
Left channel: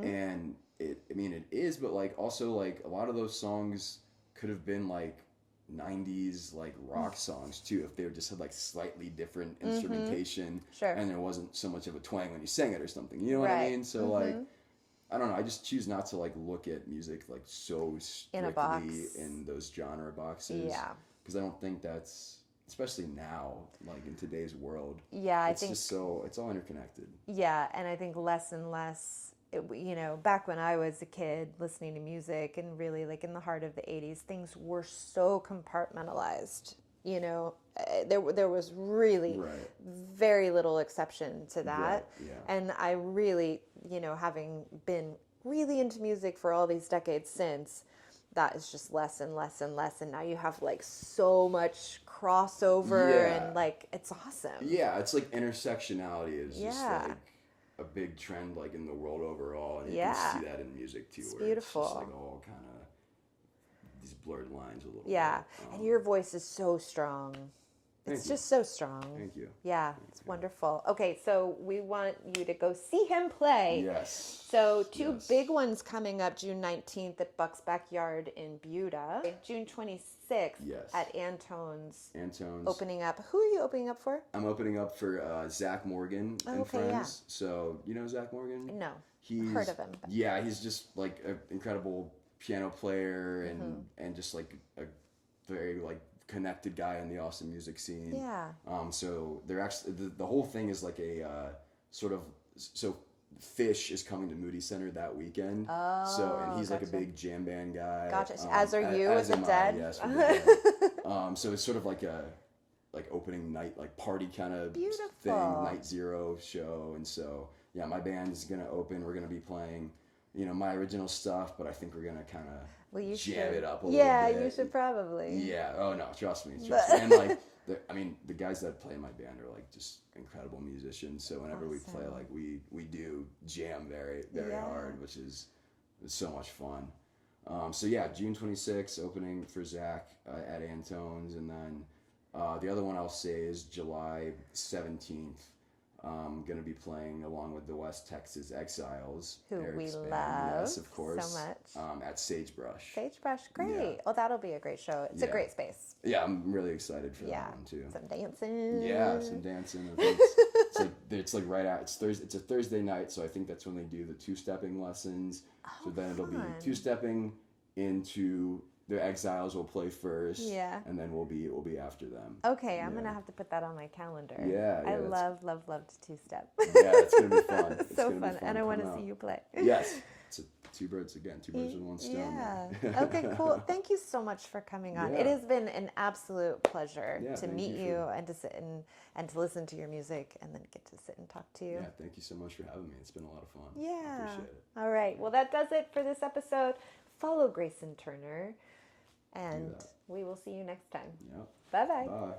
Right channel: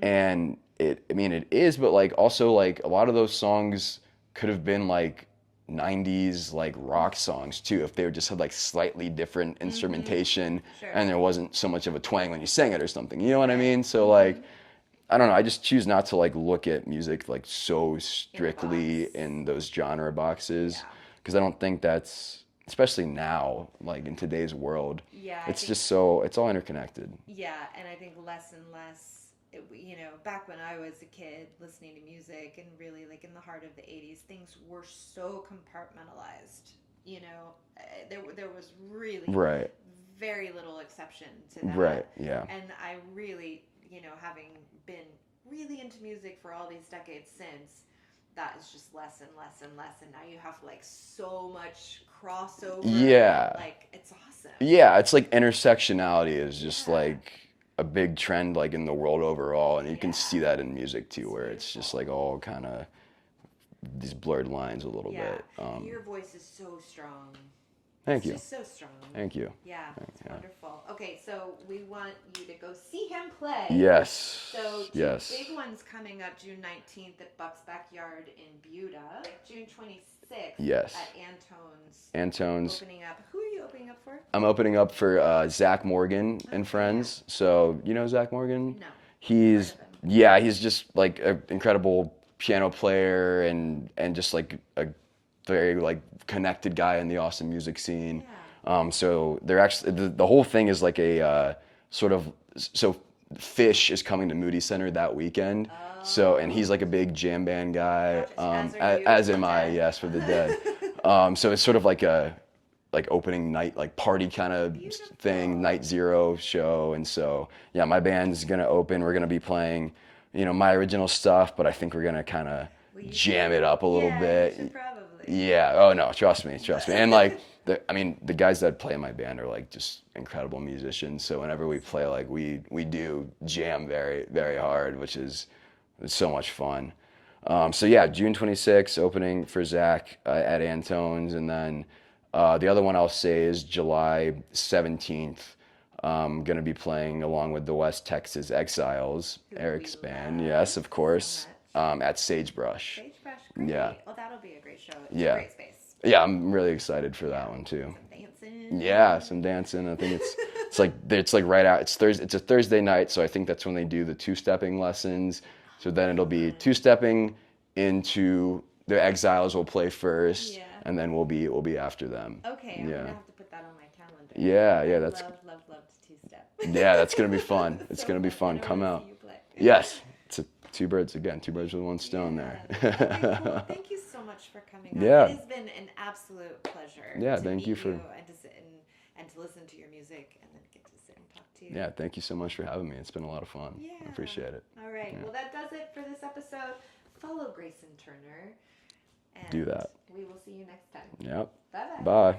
and it is, but like also like a lot of those songs could have been like 90s like rock songs too if they just had like slightly different instrumentation and there wasn't so much of a twang when you sang it or something. You know what I mean? So like I don't know, I just choose not to like look at music like so strictly in those genre boxes because I don't think that's, especially now, like in today's world, it's all interconnected. Yeah, and I think less and less, you know, back when I was a kid listening to music and really like in the heart of the 80s, things were so compartmentalized. You know, there was really very little exception to that. Right, yeah. And I really, you know, having been really into music for all these decades since, that is just less and less and less. And now you have like so much crossover. Yeah. And like, it's awesome. Yeah, it's like intersectionality is just like a big trend like in the world overall. And you can see that in music too, where it's just like all kind of these blurred lines a little bit. And your voice is so strong. Thank you. It's just so strong. Thank you. Yeah, it's wonderful. Okay, so we want you to go see him play. Yes. So two big ones coming up, June 19th at Buck's Backyard in Buda. June 26th at Antone's. Opening up. Who are you opening up for? I'm opening up for Zach Morgan and friends. Yeah. So, you know Zach Morgan? No. He's heard of him. He's just like an incredible piano player and just like a very like connected guy in the Austin music scene. Yeah. So they're actually the whole thing is like a sort of so Fish is coming to Moody Center that weekend. So and he's like a big jam band guy. Gotcha. As are you. As with am the I. Dead? Yes, with the Dead. So it's sort of like a opening night, like party kind of thing, night zero show. And so yeah, my band's gonna open. We're gonna be playing, my original stuff, but I think we're gonna kind of jam it up a little bit. You should probably. Yeah. Oh no, trust me. And like the guys that play in my band are like just incredible musicians. So whenever we play, like we do jam very, very hard, which is so much fun. So yeah, June 26th, opening for Zach at Antone's, and then the other one I'll say is July 17th. I'm going to be playing along with the West Texas Exiles, Eric's band. Yes, of course. So at Sagebrush. Sagebrush, great. Yeah. Well, that'll be a great show. It's a great space. Yeah, I'm really excited for that one too. Some dancing. Yeah, some dancing. I think it's like right out. It's Thursday. It's a Thursday night, so I think that's when they do the two-stepping lessons. So then it'll be two-stepping into the Exiles will play first, and then we'll be after them. Okay, I'm gonna have to put that on my calendar. Yeah, I that's love two-step. Yeah, that's gonna be fun. It's so gonna be fun. And I Come wanna out. see you play. Yes, it's two birds with one stone there. Okay, cool. Thank you so much for coming on. Yeah. It has been an absolute pleasure to meet you and to sit and to listen to your music and then get to sit and talk to you. Yeah, thank you so much for having me. It's been a lot of fun. Yeah. I appreciate it. All right. Yeah. Well, that does it for this episode. Follow Greyson Turner. And do that. We will see you next time. Yep. Bye-bye. Bye.